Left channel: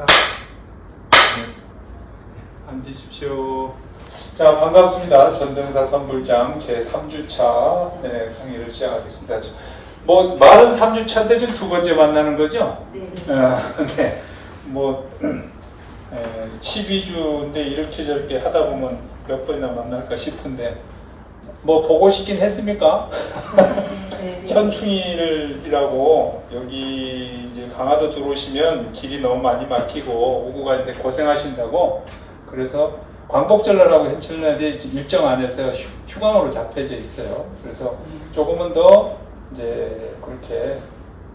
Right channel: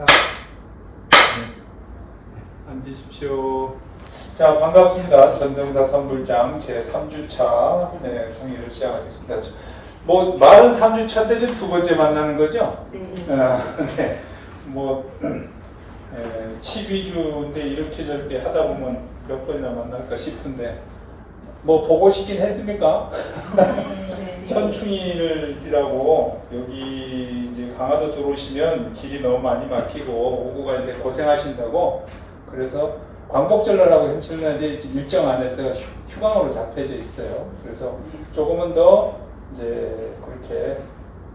하겠습니다. 앉으십시오. 자, 반갑습니다. 전등사 선불장 제3주차 강의를 시작하겠습니다. 뭐 말은 3주차인데 지금 두 번째 만나는 거죠? 네. 뭐 12주인데 이렇게 저렇게 하다 보면 몇 번이나 만날까 싶은데 뭐 보고 싶긴 했습니까? 현충일이라고 여기 이제 강화도 들어오시면 길이 너무 많이 막히고 오고 가는데 고생하신다고 그래서 광복절날하고 현충일날이 일정 안에서 휴강으로 잡혀져 있어요. 그래서 조금은 더 이제 그렇게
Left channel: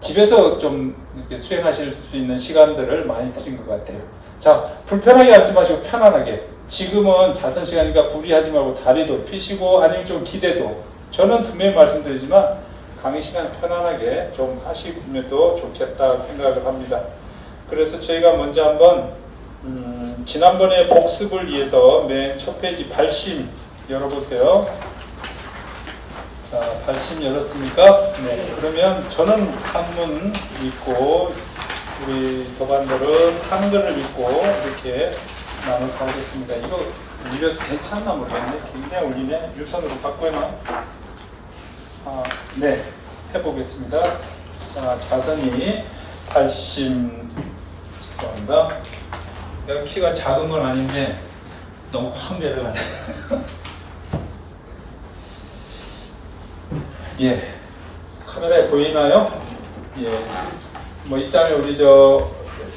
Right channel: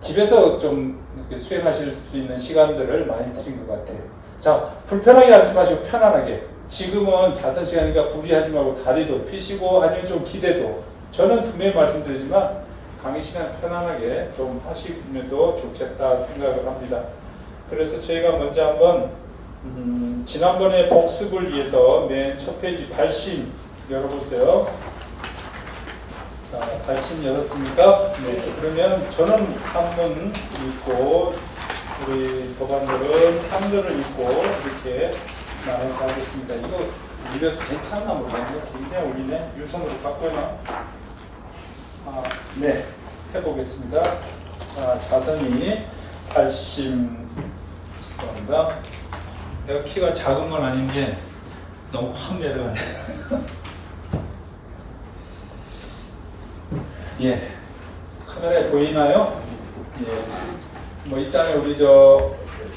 집에서 좀 이렇게 수행하실 수 있는 시간들을 많이 드린 것 같아요. 자, 불편하게 앉지 마시고 편안하게. 지금은 자선 시간이니까 무리하지 말고 다리도 펴시고 아니면 좀 기대도. 저는 분명히 말씀드리지만 강의 시간 편안하게 좀 하시면도 좋겠다 생각을 합니다. 그래서 저희가 먼저 한번 지난번에 복습을 위해서 맨 첫 페이지 발심 열어보세요. 자, 발심 열었습니까? 네. 그러면 저는 한문 읽고 우리 도반들은 한글을 읽고 이렇게 나눠서 하겠습니다. 이거 입에서 괜찮나 모르겠는데 굉장히 우리네 유선으로 바꿔놔. 네, 해보겠습니다. 자, 자선이 발심 죄송합니다. 내가 키가 작은 건 아닌데 너무 확 내려가네. 예, 카메라에 보이나요? 예, 뭐 이 장에 우리 저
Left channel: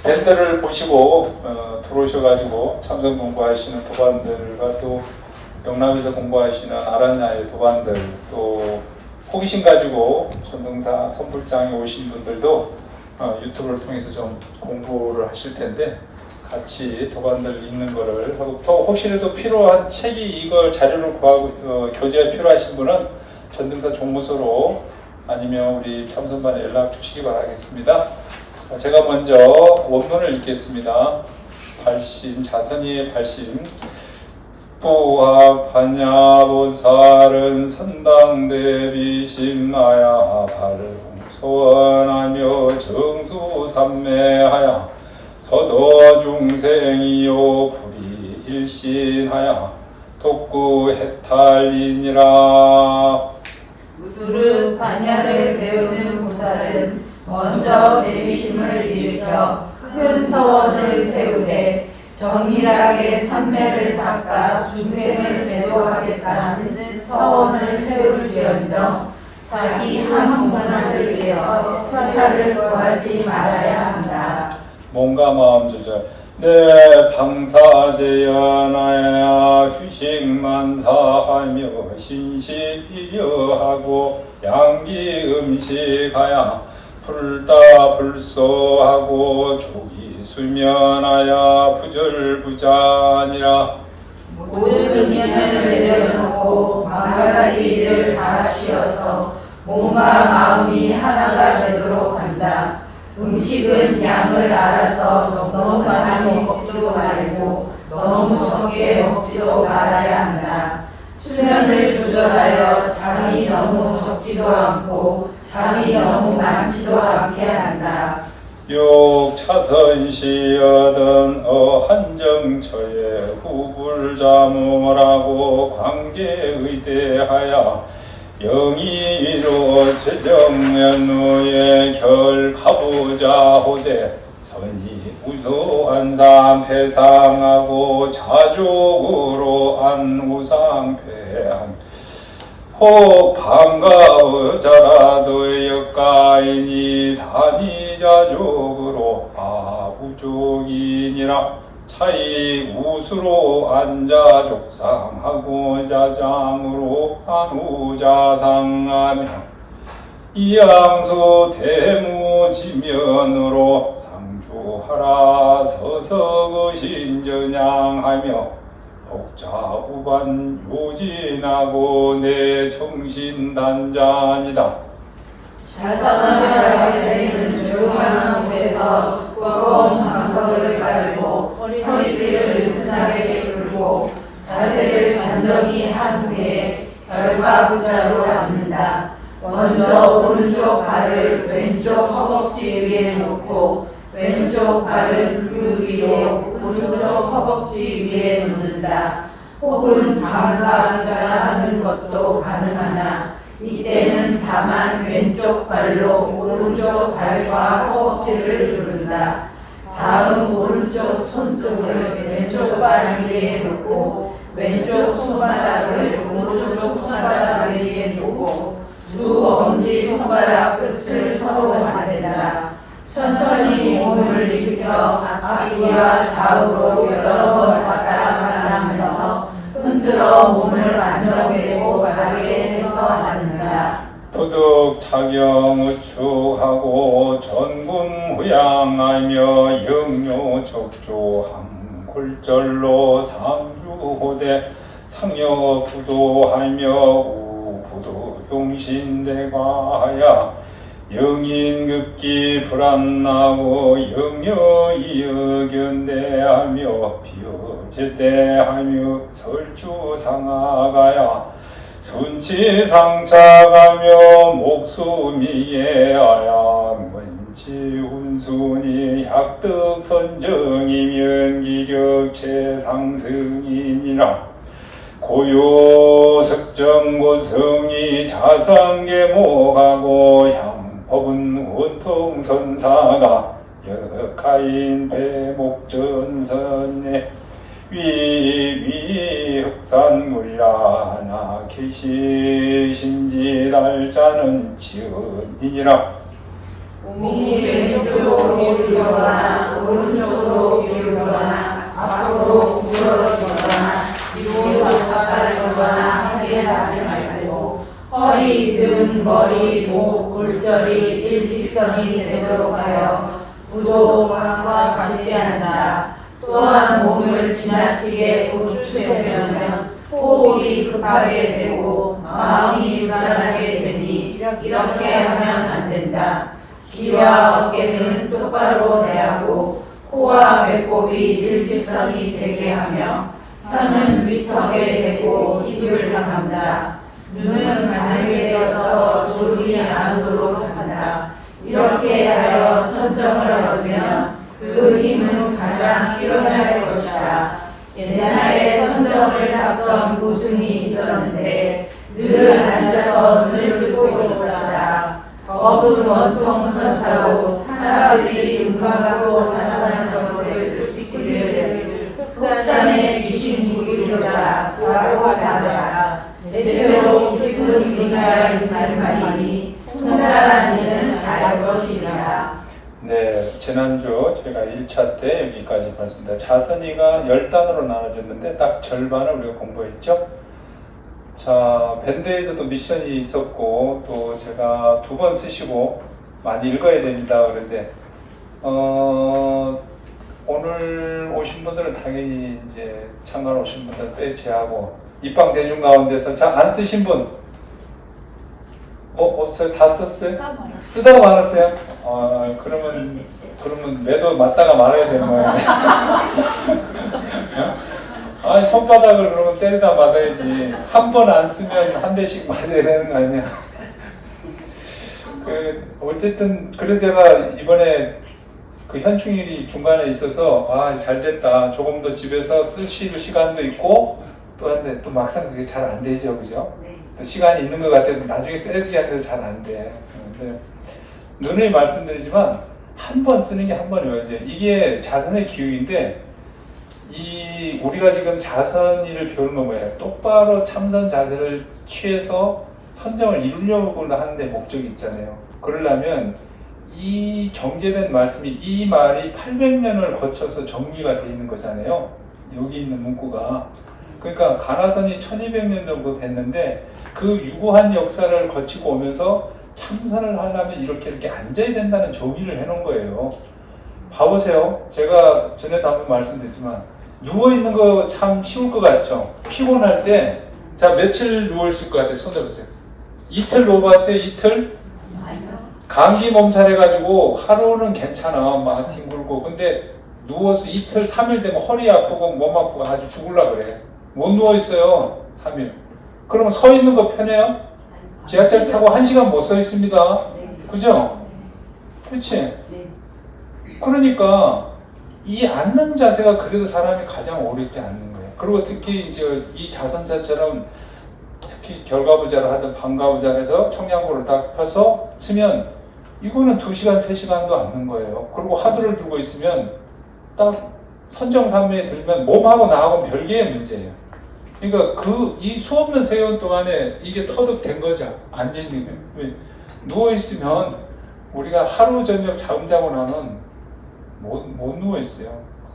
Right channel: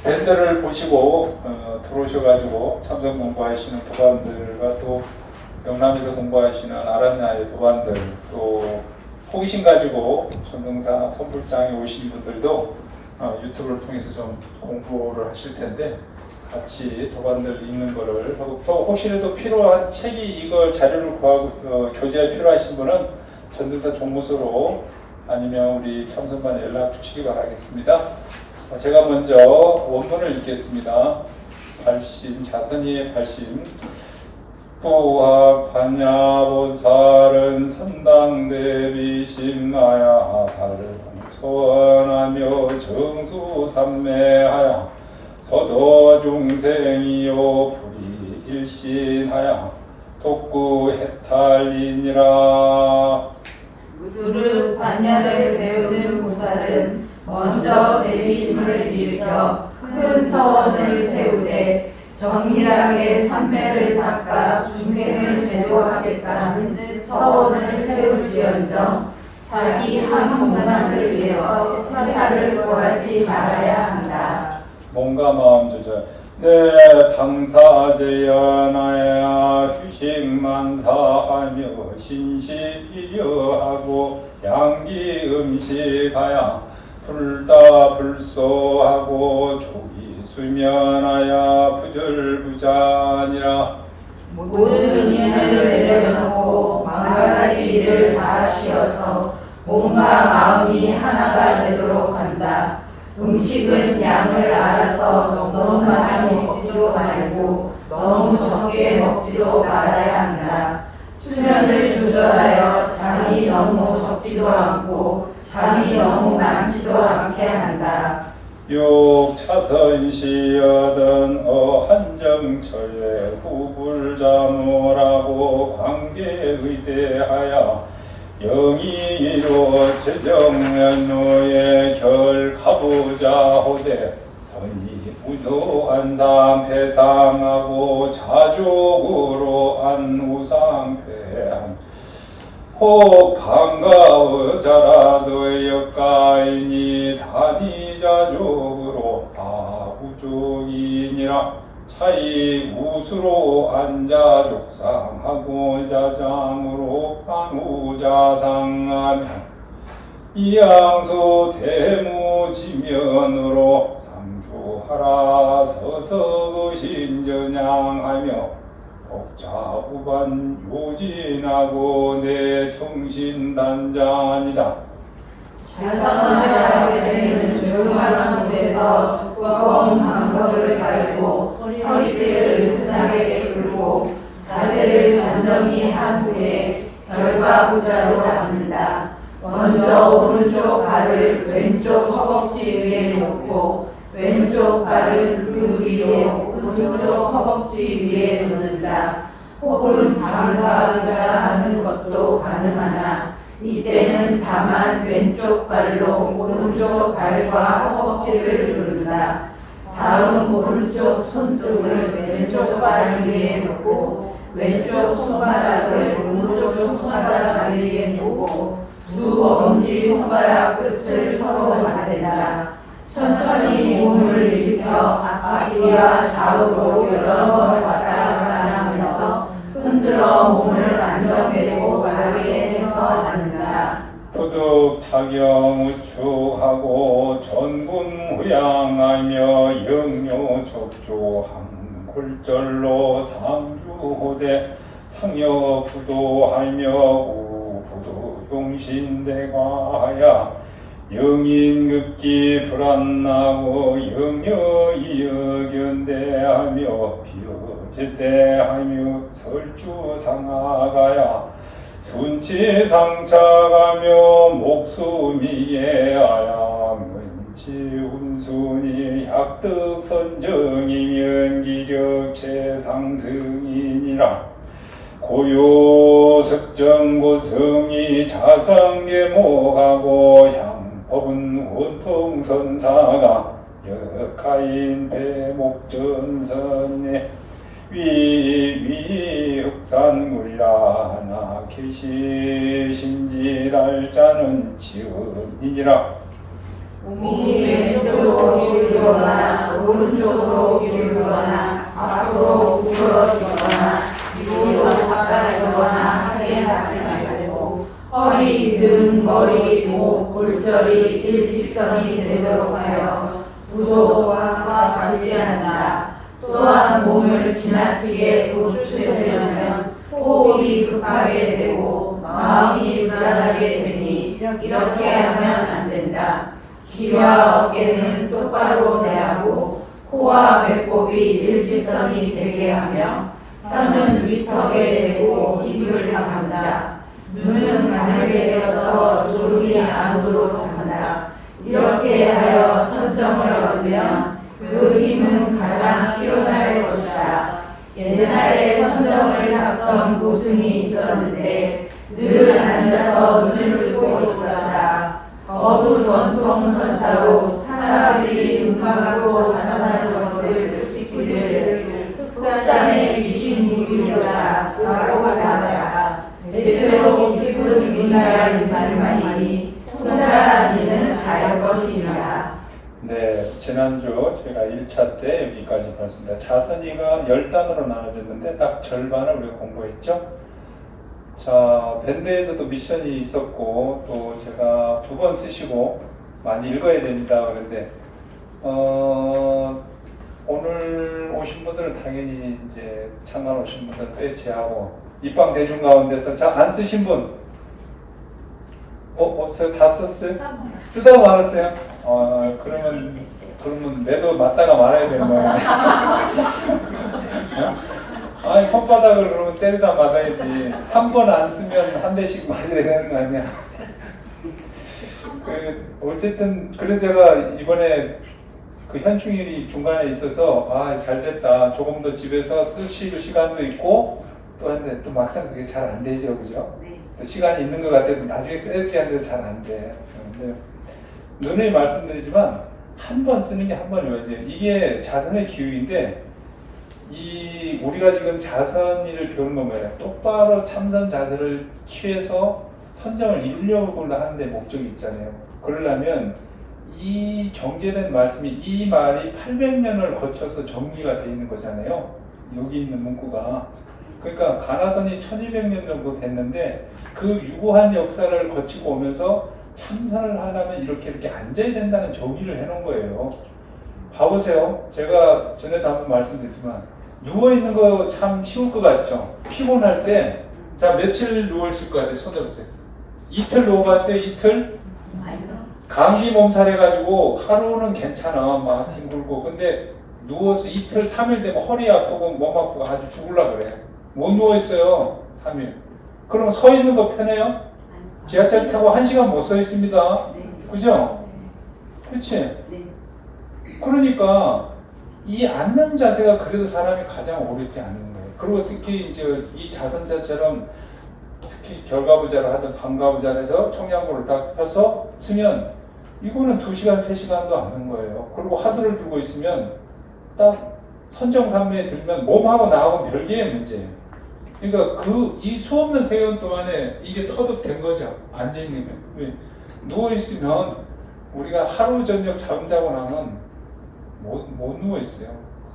밴드를 보시고 들어오셔가지고 참선 공부하시는 도반들과 또 영남에서 공부하시는 아란야의 도반들 또 호기심 가지고 전등사 선불장에 오신 분들도 유튜브를 통해서 좀 공부를 하실 텐데 같이 도반들 읽는 거를 하고 또 혹시라도 필요한 책이 이걸 자료를 구하고 교재가 필요하신 분은 전등사 종무소로 아니면 우리 참선반에 연락 주시기 바라겠습니다. 자, 제가 먼저 원문을 읽겠습니다. 발심, 자선이의 발심. 부하 관야보살은 선당대비심하야 발을 소원하며 정수삼매하야 서도중생이요 불이일신하야 독구해탈이니라. 무릎 반야를 배우는 보살은 먼저 대비심을 일으켜 큰 서원을 세우되 정밀하게 삼매를 닦아 중생을 제도하겠다는 서원을 세울지언정 자기 한 문화를 위해서 회탈을 구하지 말아야 한다. 몸과 마음 조절. 내 방사제연하야 휴식만사하며 신식이려하고 양기 음식하야 불다 불소하고 조기 수면하야 부절부자니라. 모든 인연을 내려놓고 만가지 일을 다 쉬어서 몸과 마음이 하나가 되도록 한다. 음식은 양을 알아서 너무 많이 먹지도 말고 너무 적게 먹지도 말아야 한다. 수면을 조절하여 잠이 너무 적지도 않고 잠이 너무 많지도 않게 한다. 욕차선시여든 한정처에 후불자무라고 관계의대하여 영의로 제정면후에 결가부자호대 선이 우수안상 회상하고 자족으로 안우상패한 혹 반가우자라도 역가이니 단위자족으로 아우족이니라. 차이 우수로 안자족상하고 자장으로 안우자상하며 이양수 대무지면으로 상주하라 서서거신전향하며 복자우반 요진하고 내 정신단잔이다. 자선을 하게 되는 조용한 곳에서 뜨거운 방석을 깔고 허리띠를 스나게 풀고 자세를 단정히 한 후에 결과부자로 앉는다. 먼저 오른쪽 발을 왼쪽 허벅지 위에 놓고 왼쪽 발은 그 위로 오른쪽 허벅지 위에 놓는다. 혹은 방과 의자 하는 것도 가능하나 이때는 다만 왼쪽 발로 오른쪽 발과 허벅지를 누른다. 다음 오른쪽 손등을 왼쪽 발 위에 놓고 왼쪽 손바닥을 오른쪽 손바닥 위에 놓고 두 엄지 손가락 끝을 서로 맞댄다. 천천히 몸을 일으켜 앞뒤와 좌우로 여러 번 왔다 갔다 하면서 흔들어 몸을 안정되고 바르게 해서 앉는다. 부득 차경우추하고 전군후양하며 영묘적조함 골절로 상주호대 상여부도하며 우부도 용신대가하야 영인급기 불안나고 영여이여견대하며 비어제대하며 설주상하가야 순치상차가며 목수미예하야 문치훈순이 약득선정이면 기력 최상승이니라 고요석정고성이 자상계목하고 향법은 원통선사가 역하인 배목전선에 위흑산물라나 계시신지랄자는 지은이니라. 몸이 왼쪽으로 기울거나 오른쪽으로 기울거나 앞으로 구부러지거나 뒤로 작아지거나 하게 하지 말고 허리, 등, 머리, 목, 골절이 일직선이 되도록 하여 부도와 같이 한다. 또한 몸을 지나치게 우추세우면 호흡이 급하게 되고 마음이 불안하게 되니 이렇게 하면 안 된다. 귀와 어깨는 똑바로 내하고 코와 배꼽이 일직선이 되게 하며 혀는 위턱에 대고 입을 닫는다. 눈은 가늘게 되어서 졸음이 안 오도록 한다. 이렇게 하여 선정을 얻으면 그 힘은 가장 뛰어날 것이다. 옛날에 선정을 닦던 고승이 있었는데 늘 앉아서 눈을 뜨고 있었다. 어분 원통 선사로 사람들이 눈감고 자산하는 것을 찍기를 속산에 귀신 부리려다 라고 말하라. 대체로 깊은 인가가 있는 말이니 통달한 이는 알 것이니라. 네, 지난주 제가 1차 때 여기까지 봤습니다. 자선이가 10단으로 나눠졌는데 딱 절반을 우리가 공부했죠. 자, 밴드에서도 미션이 있었고 또 제가 2번 쓰시고 많이 읽어야 됩니다. 그런데 오늘 오신 분들은 당연히 이제 참관 오신 분들은 떼치하고 입방 대중 가운데서 자, 안 쓰신 분 다 썼어요? 쓰다가 말았어요? 그러면 매도 맞다가 말아야 되는 거야. 아니, 손바닥을 그러면 때리다 맞아야지. 한 번 안 쓰면 한 대씩 맞아야 되는 거 아니야. 어쨌든, 그래서 제가 이번에 그 현충일이 중간에 있어서, 잘 됐다. 조금 더 집에서 쓰실 시간도 있고, 또 한데, 또 막상 그게 잘 안 되죠. 그죠? 또 시간이 있는 것 같아도 나중에 써야지 하는데 잘 안 돼. 근데 누누이 말씀드리지만, 한 번 쓰는 게 한 번 외워져요. 이게 자선의 기육인데, 우리가 지금 자선의를 배우는 건 뭐예요? 똑바로 참선 자세를 취해서 선정을 이루려고 하는 데 목적이 있잖아요. 그러려면 이 정제된 말씀이 이 말이 800년을 거쳐서 정리가 되어 있는 거잖아요. 여기 있는 문구가. 그러니까 가나선이 1200년 정도 됐는데 그 유구한 역사를 거치고 오면서 참선을 하려면 이렇게 앉아야 된다는 정의를 해놓은 거예요. 봐보세요. 제가 전에도 한번 말씀드렸지만 누워있는 거 참 쉬울 것 같죠? 피곤할 때, 자, 며칠 누워있을 것 같아요? 손 들어보세요. 이틀 누워봤어요? 이틀? 감기 몸살 해가지고 하루는 괜찮아. 막 뒹굴고. 근데 누워서 이틀, 3일 되면 허리 아프고 몸 아프고 아주 죽을라 그래. 못 누워있어요. 3일. 그러면 서 있는 거 편해요? 지하철 타고 1시간 못 서 있습니다. 그죠? 그렇지? 그러니까 이 앉는 자세가 그래도 사람이 가장 어렵게 앉는 거예요. 그리고 특히 이제 이 자선자처럼 특히 결과부자를 하든 방과부자를 해서 청량고를 딱 펴서 쓰면 이거는 2시간, 3시간도 앉는 거예요. 그리고 화두를 들고 있으면 딱 선정산매에 들면 몸하고 나하고 별개의 문제예요. 그러니까 이 수없는 세월 동안에 이게 터득된 거죠. 앉아있는 거예요. 누워있으면 우리가 하루 저녁 잠 자고 나면 못 누워있어요.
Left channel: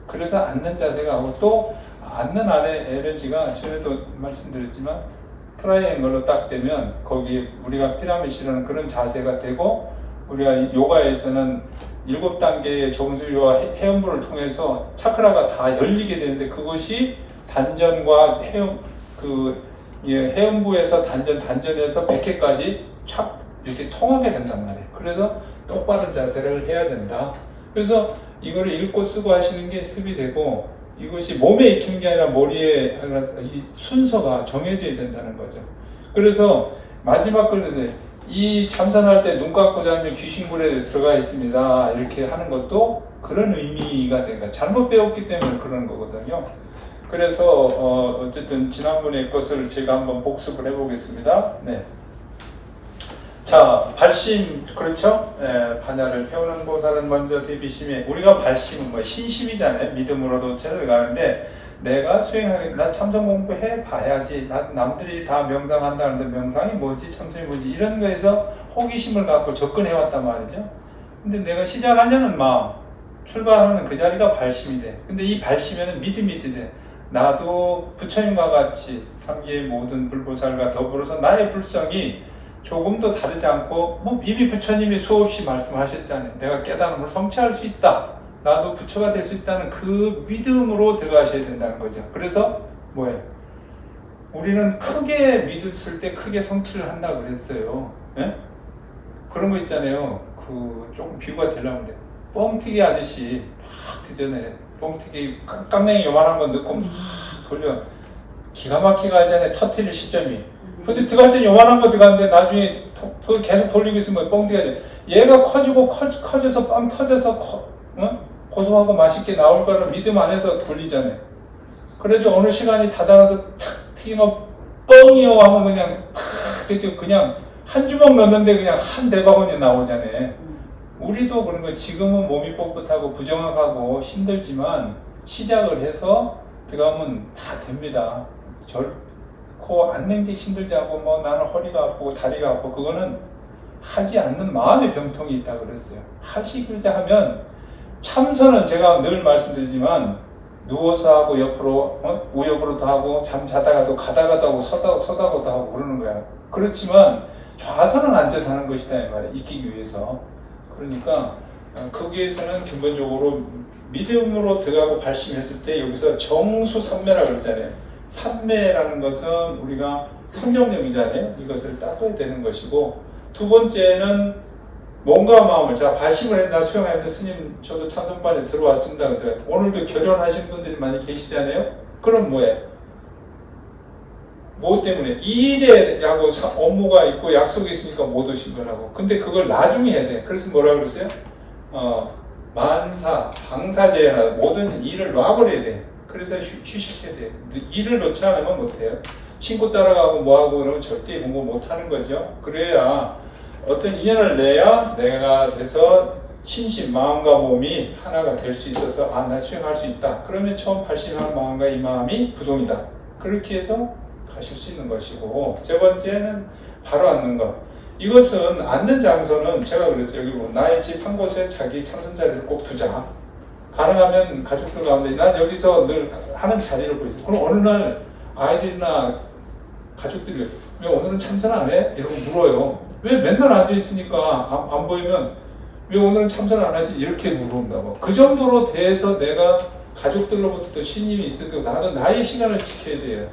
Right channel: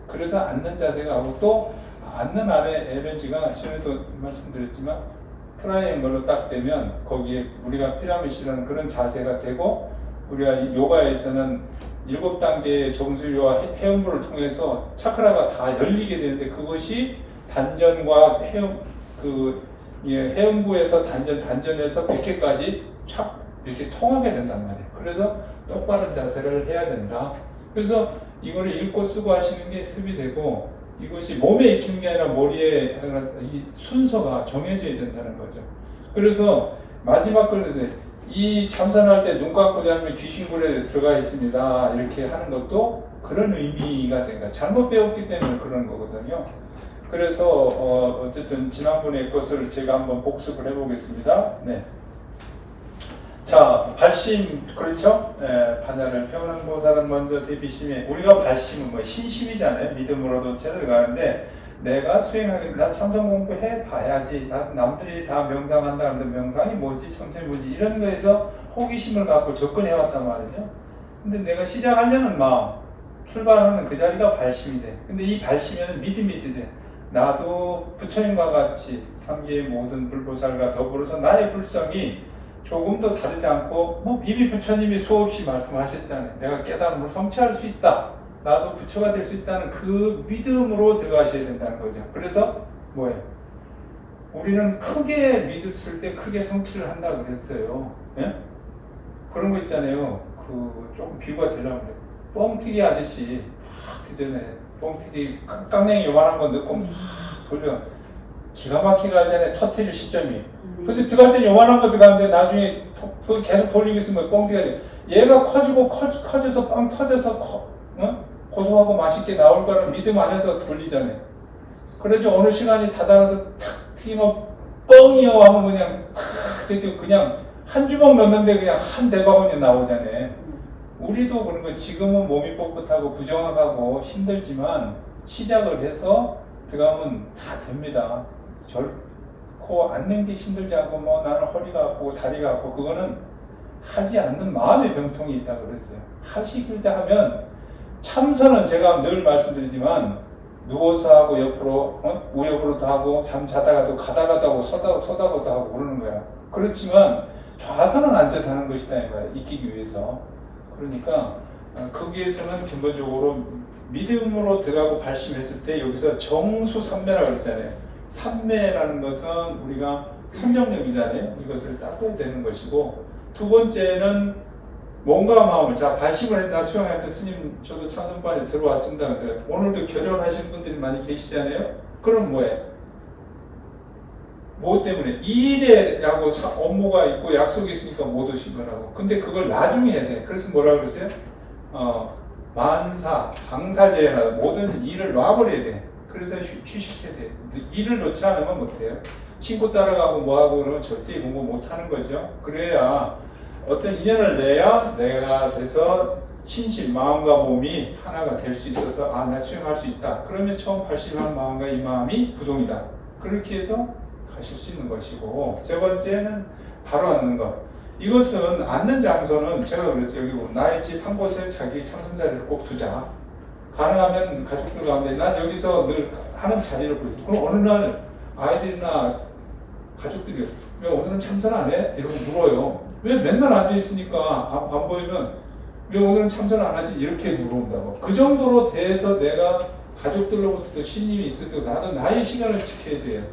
그래서 앉는 자세가 하고 또 앉는 안에 에너지가 전에도 말씀드렸지만 트라이앵글로 딱 되면 거기에 우리가 피라미드라는 그런 자세가 되고 우리가 요가에서는 7단계의 정수리와 해음부를 통해서 차크라가 다 열리게 되는데 그것이 단전과 해음부에서 단전에서 100회까지 촥 이렇게 통하게 된단 말이에요. 그래서 똑바른 자세를 해야 된다. 그래서 이거를 읽고 쓰고 하시는 게 습이 되고 이것이 몸에 익히는 게 아니라 머리에 이 순서가 정해져야 된다는 거죠. 그래서 마지막 글에 이 참선할 때 눈 감고 자면 귀신굴에 들어가 있습니다. 이렇게 하는 것도 그런 의미가 되니까 잘못 배웠기 때문에 그런 거거든요. 그래서 어쨌든 지난번의 것을 제가 한번 복습을 해보겠습니다. 네. 자, 발심, 그렇죠? 반야를 배우는 보살은 먼저 대비심에, 우리가 발심은 뭐 신심이잖아요. 믿음으로도 찾아가는데 내가 나 참선 공부해 봐야지. 남들이 다 명상한다는데 명상이 뭐지? 참선이 뭐지? 이런 거에서 호기심을 갖고 접근해 왔단 말이죠. 근데 내가 시작하려는 마음, 출발하는 그 자리가 발심이 돼. 근데 이 발심에는 믿음이 있어야 돼. 나도 부처님과 같이 삼계의 모든 불보살과 더불어서 나의 불성이 조금도 다르지 않고 이미 부처님이 수없이 말씀하셨잖아요. 내가 깨달음을 성취할 수 있다. 나도 부처가 될 수 있다는 그 믿음으로 들어가셔야 된다는 거죠. 그래서 뭐예요? 우리는 크게 믿었을 때 크게 성취를 한다고 그랬어요. 네? 그런 거 있잖아요. 조금 비유가 되려는데 뻥튀기 아저씨 막 드전에 뻥튀기 깡냉이 요만한 거 넣고 막 돌려 기가 막히게 하잖아요. 터트릴 시점이. 근데 들어갈 땐 요만한 거 들어가는데 나중에 계속 돌리고 있으면 뻥튀기가 돼. 얘가 커지고 커져서 빵 터져서 고소하고 맛있게 나올 거라 믿음 안에서 돌리잖아요. 그래서 어느 시간이 다 달아서 탁 튀기면 뻥이요 하면 그냥 한 주먹 넣는데 그냥 한 대바구니 나오잖아요. 우리도 그런 거 지금은 몸이 뻣뻣하고 부정확하고 힘들지만 시작을 해서 들어가면 다 됩니다. 결코 앉는 게 힘들지 않고 나는 허리가 아프고 다리가 아프고 그거는 하지 않는 마음의 병통이 있다고 그랬어요. 하시길 때 하면 참선은 제가 늘 말씀드리지만 누워서 하고 옆으로 우옆으로도 하고 잠 자다가도 가다가도 하고 서다가도 하고 그러는 거야. 그렇지만 좌선은 앉아서 하는 것이다 이 말이야. 익히기 위해서. 그러니까 거기에서는 기본적으로 믿음으로 들어가고 발심했을 때 여기서 정수삼매라고 그러잖아요. 삼매라는 것은 우리가 성경력이잖아요. 이것을 닦아야 되는 것이고 두 번째는 몸과 마음을 자 발심을 했다 수행할 때 스님 저도 참선반에 들어왔습니다. 근데 오늘도 결혼하신 분들이 많이 계시잖아요. 그럼 뭐예요? 뭐 때문에? 이 일에 하고 업무가 있고 약속이 있으니까 못 오신 거라고. 근데 그걸 나중에 해야 돼. 그래서 뭐라고 그랬어요? 만사, 방사제나 모든 일을 놔버려야 돼. 그래서 휴식해야 돼. 일을 놓지 않으면 못해요. 친구 따라가고 뭐하고 그러면 절대 공부 못하는 거죠. 그래야 어떤 인연을 내야 내가 돼서 신심, 마음과 몸이 하나가 될 수 있어서 나 수행할 수 있다. 그러면 처음 발심한 마음과 이 마음이 부동이다. 그렇게 해서 가실 수 있는 것이고 세 번째는 바로 앉는 것. 이것은 앉는 장소는 제가 그랬어요. 여기 나의 집 한 곳에 자기 참선자리를 꼭 두자. 가능하면 가족들 가운데 난 여기서 늘 하는 자리를 보여줘. 그럼 어느 날 아이들이나 가족들이 왜 오늘은 참선 안 해? 이러고 물어요. 왜 맨날 앉아있으니까 안 보이면 왜 오늘은 참선 안 하지? 이렇게 물어본다고. 그 정도로 대해서 내가 가족들로부터 신임이 있을 때 나도 나의 시간을 지켜야 돼요.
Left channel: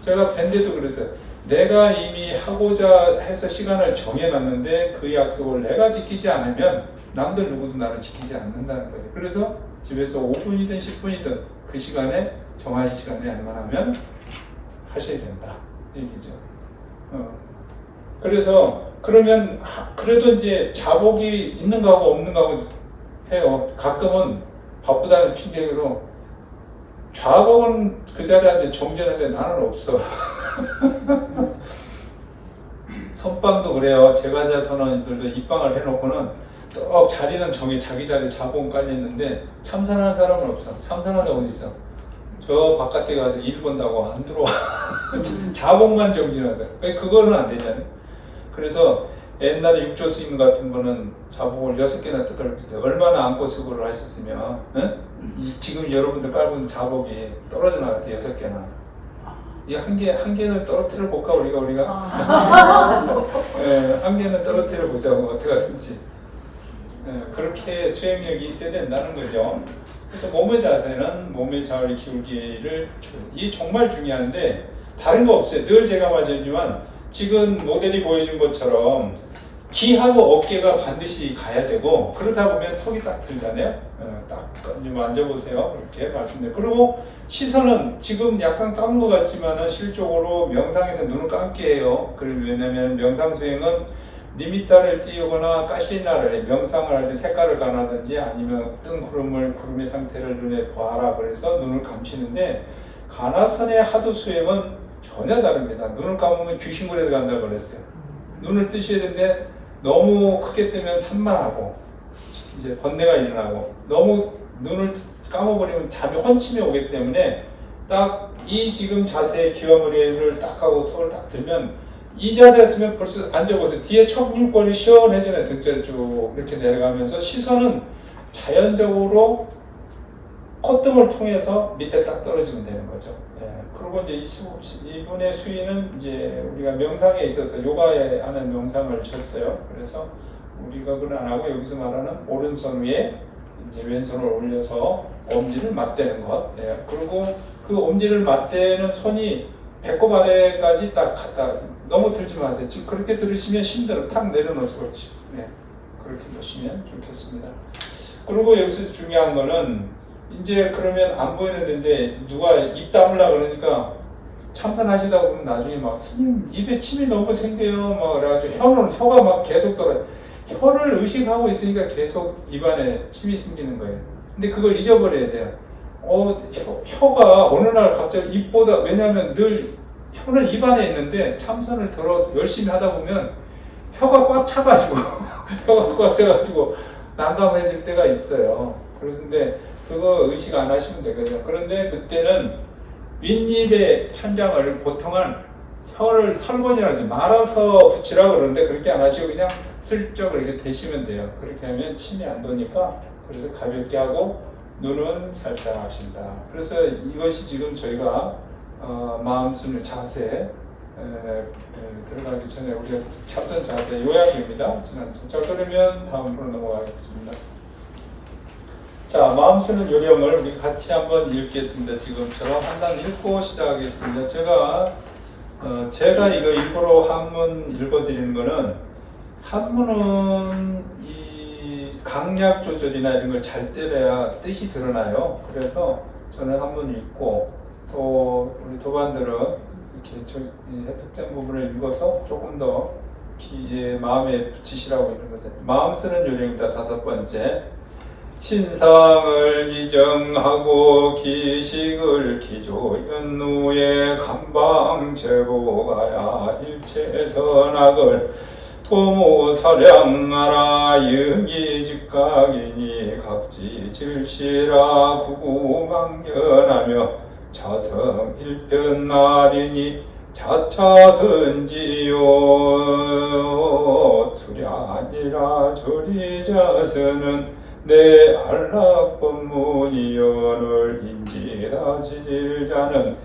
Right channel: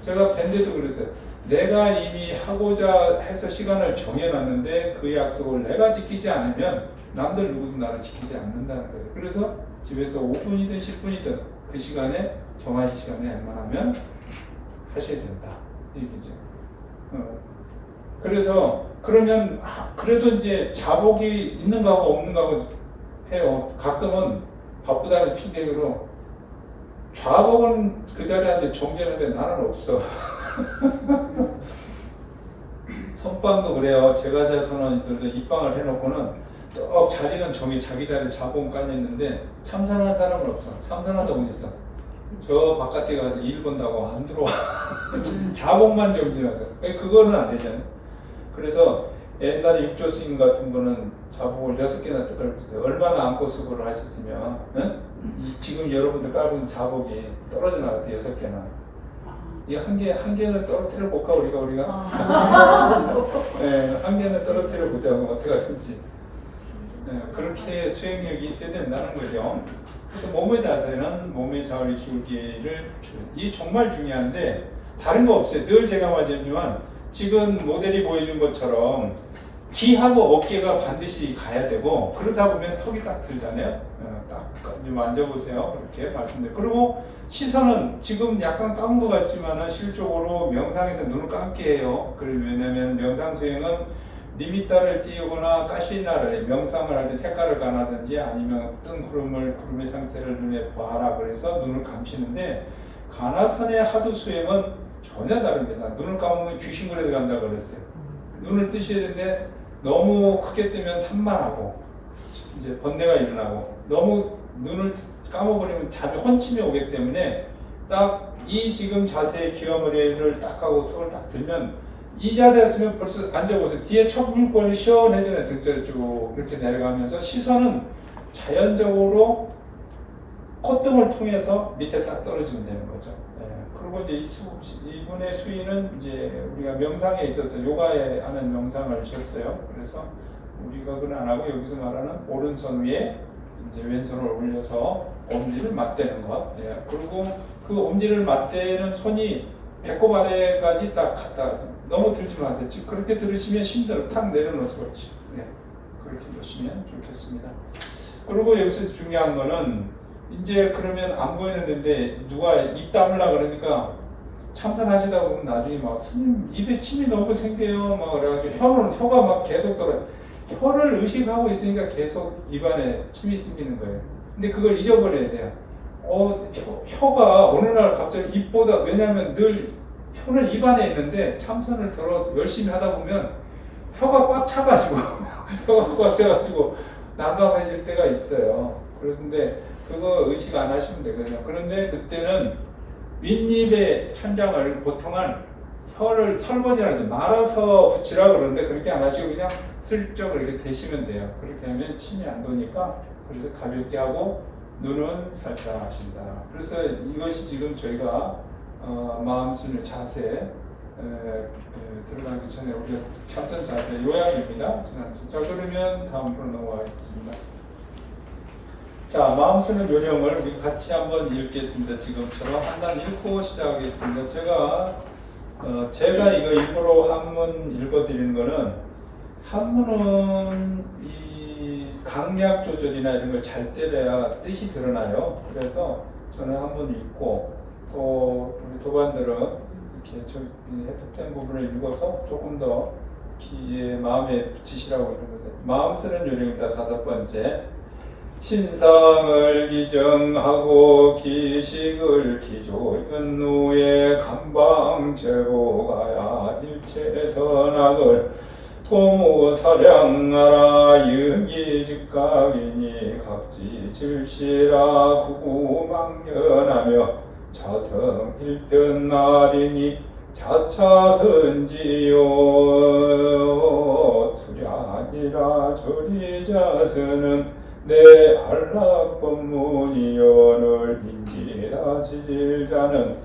제가 밴드도 그랬어요. 내가 이미 하고자 해서 시간을 정해놨는데 그 약속을 내가 지키지 않으면 남들 누구도 나를 지키지 않는다는 거예요. 그래서 집에서 5분이든 10분이든 그 시간에 정하신 시간에 알만하면 하셔야 된다. 얘기죠. 그래서 그러면 그래도 이제 자복이 있는 거하고 없는 거하고 해요. 가끔은 바쁘다는 핑계로 좌복은 그 자리에 앉아 정진하는데 나는 없어. 선방도 그래요. 제과자손원들도 입방을 해놓고는 또 자리는 자기 자리에 자복은 깔려있는데 참선하는 사람은 없어. 참선하는 사람은 있어. 저 바깥에 가서 일 본다고 안 들어와. 자복만 정진하세요. 그거는 안 되잖아요. 그래서 옛날에 육조 스님 같은 거는 자복을 6개나 뜯어봤어요. 얼마나 안고 수고를 하셨으면, 응? 지금 여러분들 깔고 있는 자복이 떨어져 나갔대, 6개나. 이 한 개는 떨어뜨려 볼까, 우리가? 네, 한 개는 떨어뜨려 보자, 어떻게 하든지. 네, 그렇게 수행력이 있어야 된다는 거죠. 그래서 몸의 자세는 몸의 자을 기울기를, 이게 정말 중요한데, 다른 거 없어요. 늘 제가 말하지만, 지금 모델이 보여준 것처럼, 귀하고 어깨가 반드시 가야 되고, 그러다 보면 턱이 딱 들잖아요. 딱 좀 앉아보세요. 이렇게 말씀드려요. 그리고 시선은 지금 약간 감은 것 같지만 실적으로 명상에서 눈을 감게 해요. 왜냐면 명상 수행은 리미터를 띄우거나 가시나를 명상을 할 때 색깔을 가나든지 아니면 뜬 구름의 상태를 눈에 봐라 그래서 눈을 감추는데 가나선의 하두 수행은 전혀 다릅니다. 눈을 감으면 귀신굴에 들어간다고 그랬어요. 눈을 뜨셔야 되는데 너무 크게 뜨면 산만하고 이제 번뇌가 일어나고 너무 눈을 감아버리면 잠이 혼침이 오기 때문에 딱 이 지금 자세의 귀와 머리를 딱 하고 턱을 딱 들면 이 자세였으면 벌써 앉아보세요. 뒤에 척불권이 시원해지네. 등자를 쭉 이렇게 내려가면서 시선은 자연적으로 콧등을 통해서 밑에 딱 떨어지면 되는 거죠. 그리고 이제 이분의 수위는 이제 우리가 명상에 있어서 요가에 하는 명상을 쳤어요. 그래서 우리가 그건 안 하고 여기서 말하는 오른손 위에 이제 왼손을 올려서 엄지를 맞대는 것. 그리고 그 엄지를 맞대는 손이 배꼽 아래까지 딱 갖다 너무 들지 마세요. 지금 그렇게 들으시면 힘들어. 탁 내려놓으세요. 그렇지. 그렇게 보시면 좋겠습니다. 그리고 여기서 중요한 거는 이제 그러면 안 보이는 데인데 누가 입 다물라 그러니까 참선하시다 보면 나중에 막 스님 입에 침이 너무 생겨요. 막 그래가지고 혀가 막 계속 떨어져. 혀를 의식하고 있으니까 계속 입안에 침이 생기는 거예요. 근데 그걸 잊어버려야 돼요. 혀가 어느 날 갑자기 입보다 왜냐하면 늘 혀는 입안에 있는데 참선을 열심히 하다 보면 혀가 꽉 차가지고 혀가 꽉 차가지고 난감해질 때가 있어요. 그런데 그거 의식 안 하시면 되거든요. 그런데 그때는 윗입에 천장을 보통은 혀를 설번이라든지 말아서 붙이라 그러는데 그렇게 안 하시고 그냥 슬쩍 이렇게 대시면 돼요. 그렇게 하면 침이 안 도니까 그래서 가볍게 하고 눈은 살짝 하신다. 그래서 이것이 지금 저희가 마음 순을 자세 들어가기 전에 우리가 찾던 자세 요약입니다. 자 그러면 다음으로 넘어가겠습니다. 자 마음 쓰는 요령을 우리 같이 한번 읽겠습니다. 지금처럼 한 단 읽고 시작하겠습니다. 제가 이거 일부러 한문 읽어드리는 거는 한문은 이 강약 조절이나 이런 걸 잘 때려야 뜻이 드러나요. 그래서 저는 한문 읽고 또 우리 도반들은 이렇게 해석된 부분을 읽어서 조금 더 마음에 붙이시라고 이런 거죠. 마음 쓰는 요령이다. 5번째. 신상을 기정하고 기식을 기조연 후에 감방제보가야 일체 선악을 도무사량하라 유기직각이니 각지 질시라 구구망연하며 자성 일편나리니 자차선지요 수량이라 조리자서는 내 안락법문이여를 인지다 지질자는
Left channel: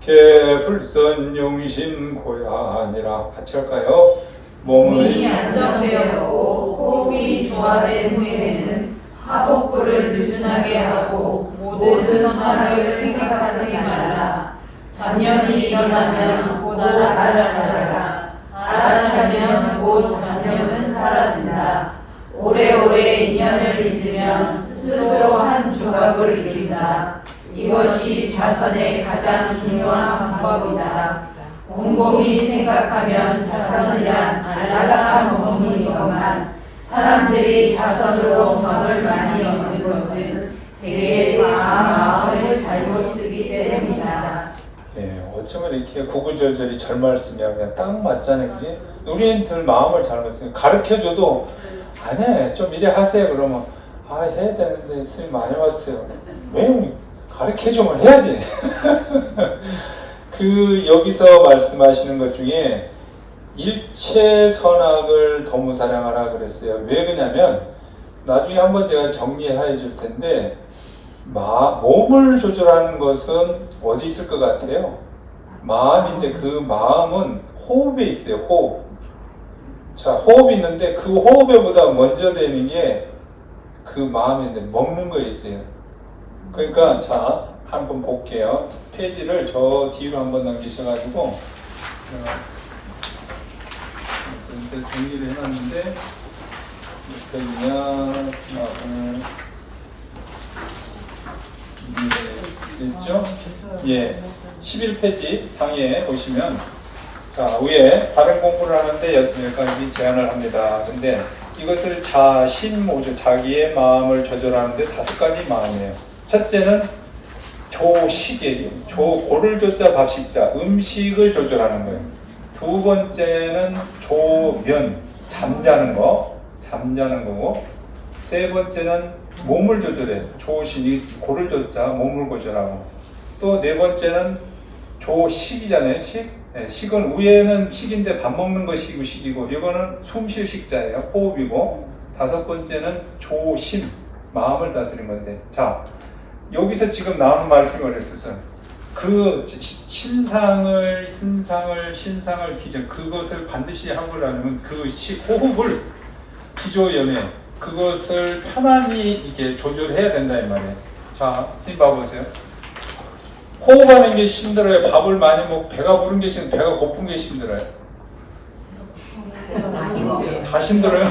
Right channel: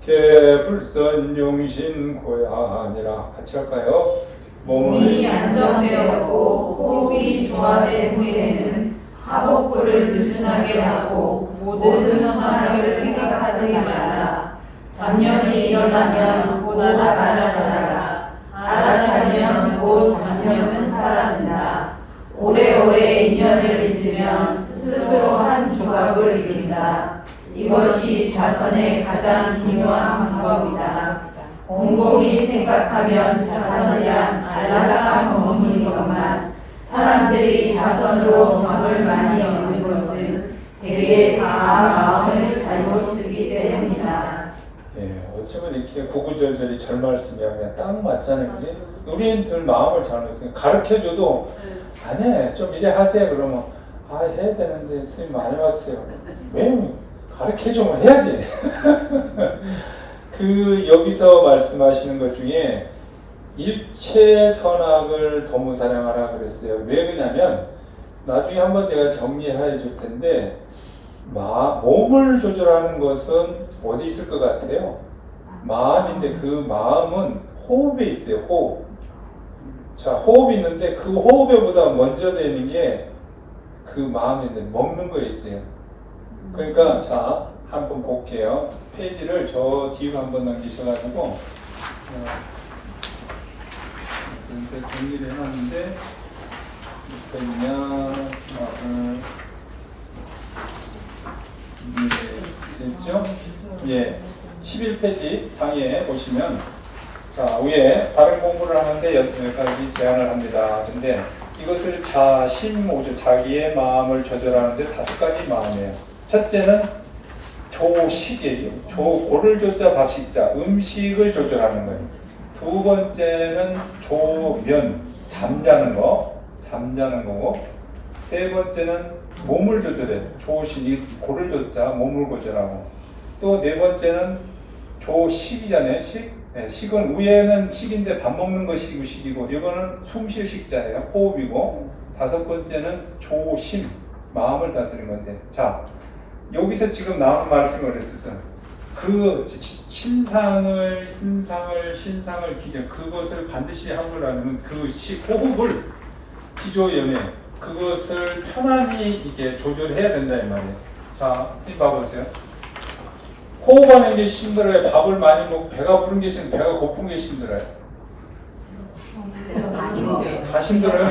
개불선용신 고야니라. 같이 할까요? 몸이 안정되었고 호흡이 조화된 후에는 하복부를 느슨하게 하고 모든 선악을 생각하지 말라. 잡념이 일어나면 곧 알아차려라. 알아차리면 곧 잡념은 사라진다. 오래오래 인연을 잊으면 스스로 한 조각을 잃는다. 이것이 자선의 가장 중요한 방법이다. 곰곰이 생각하면 자선이란 안락한 법문이건만 사람들이 자선으로 마음을 많이 이렇게 구구절절이 절 말씀이야. 그냥 딱 맞잖아요. 그지? 우리들 마음을 잘못 쓰요 가르쳐줘도 안 해. 좀 이래 하세요. 그러면 아, 해야 되는데 선생님 많이 왔어요. 왜? 가르쳐주면 해야지. 여기서 말씀하시는 것 중에 일체 선악을 도무 사랑하라 그랬어요. 왜 그러냐면 나중에 한번 제가 정리해 줄 텐데 몸을 조절하는 것은 어디 있을 것 같아요? 마음인데 그 마음은 호흡에 있어요. 호흡. 자, 호흡이 있는데 그 호흡에보다 먼저 되는 게 그 마음인데 먹는 거에 있어요. 그러니까 자, 한번 볼게요. 페이지를 저 뒤로 한번 넘기셔가지고 이렇게 정리를 해놨는데 됐죠? 예, 11페이지 상에 보시면 자, 위에 다른 공부를 하는데 여기까지 제안을 합니다. 근데 이것을 자신모조, 자기의 마음을 조절하는데 5가지 마음이에요. 첫째는 조식이에요. 고를 조자 밥식자, 음식을 조절하는 거예요. 두 번째는 조면, 잠자는 거고. 세 번째는 몸을 조절해. 조식, 고를 조자, 몸을 조절하고. 또 네 번째는 조식이잖아요. 식은 위에는 식인데 밥 먹는 거 식이고 이거는 숨 쉴 식자예요. 호흡이고. 5번째는 조심, 마음을 다스리는 건데. 자, 여기서 지금 나오는 말씀을 했었어요. 그 신상을 기정 그것을 반드시 하려면 그 호흡을 기조염에 그것을 편안히 이게 조절해야 된다 이 말이에요. 자, 선생님 봐보세요. 호흡하는 게 힘들어요. 밥을 많이 먹고 배가 부른 게 힘들어요. 배가 고픈 게 힘들어요. 다 힘들어요.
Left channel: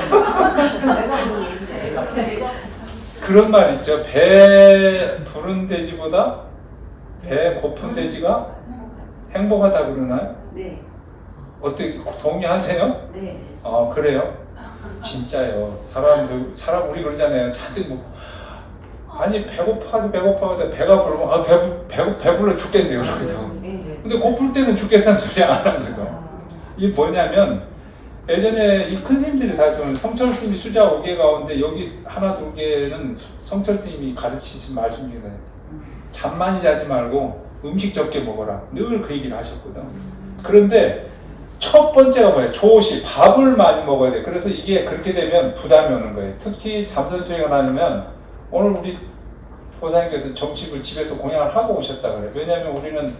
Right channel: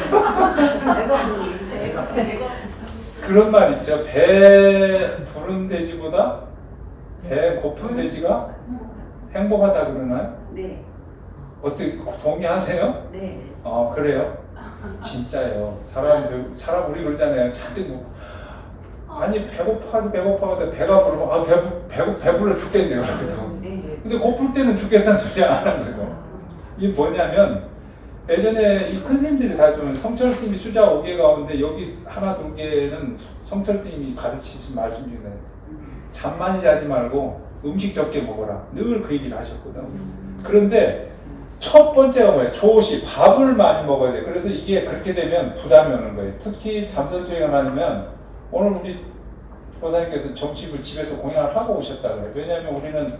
그런 말 있죠. 배 부른 돼지보다 배 고픈 돼지가 행복하다 그러나요? 네. 어떻게 동의하세요? 네. 그래요? 진짜요. 사람 우리 그러잖아요. 잔뜩 먹고 아니 배고파도 배가 부르면 배불러 죽겠네요. 그래서 근데 고플 때는 죽겠다는 소리 안 하거든. 이게 뭐냐면 예전에 이 큰 스님들이 다 좀 성철 스님이 수자 5개 가운데 여기 하나 2개는 성철 스님이 가르치신 말씀입니다. 잠 많이 자지 말고 음식 적게 먹어라. 늘 그 얘기를 하셨거든. 그런데 첫 번째가 뭐예요? 조식, 밥을 많이 먹어야 돼. 그래서 이게 그렇게 되면 부담이 오는 거예요. 특히 잠선 수행을 하면 오늘 우리 보사님께서 점집을 집에서 공양을 하고 오셨다 그래요. 왜냐하면 우리는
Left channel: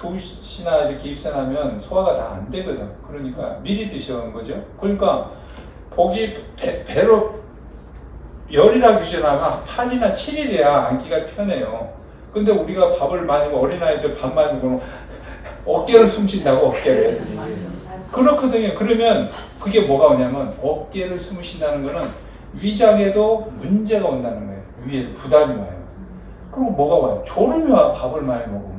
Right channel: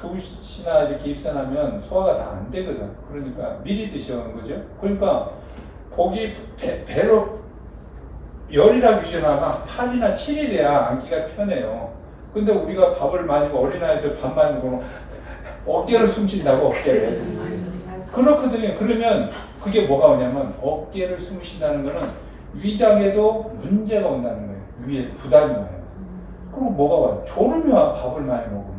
2시나 이렇게 입산하면 소화가 다 안 되거든. 그러니까 미리 드시는 거죠. 그러니까 복이 배로 열이라 규제나가 8이나 7일이야 안기가 편해요. 근데 우리가 밥을 많이 먹고 어린아이들 밥 많이 먹으면 어깨를 숨쉰다고 어깨를. 그렇거든요. 그러면 그게 뭐가 오냐면 어깨를 숨쉰다는 거는 위장에도 문제가 온다는 거예요. 위에 부담이 와요. 그럼 뭐가 와요? 졸음이 와, 밥을 많이 먹으면.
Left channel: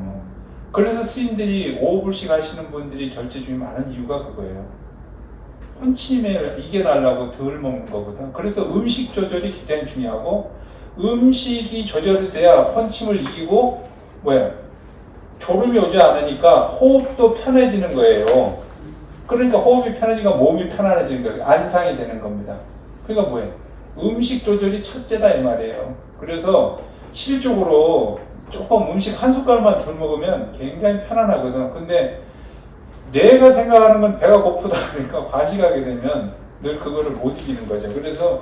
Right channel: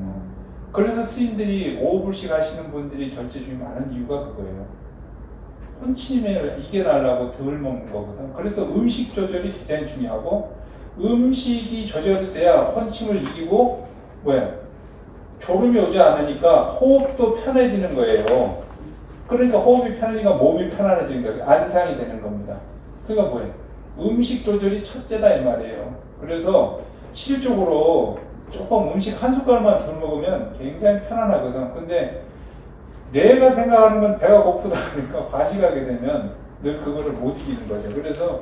그래서 스님들이 5불씩 하시는 분들이 결제중이 많은 이유가 그거예요. 혼침을 이겨내려고 덜 먹는 거거든. 그래서 음식 조절이 굉장히 중요하고 음식이 조절이 돼야 혼침을 이기고 졸음이 오지 않으니까 호흡도 편해지는 거예요. 그러니까 호흡이 편해지니까 몸이 편안해지는 거예요. 안상이 되는 겁니다. 그러니까 음식 조절이 첫째다 이 말이에요. 그래서 실질적으로 조금 음식 한 숟갈만 덜 먹으면 굉장히 편안하거든. 근데 내가 생각하는 건 배가 고프다 그러니까 과식하게 되면 늘 그거를 못 이기는 거죠. 그래서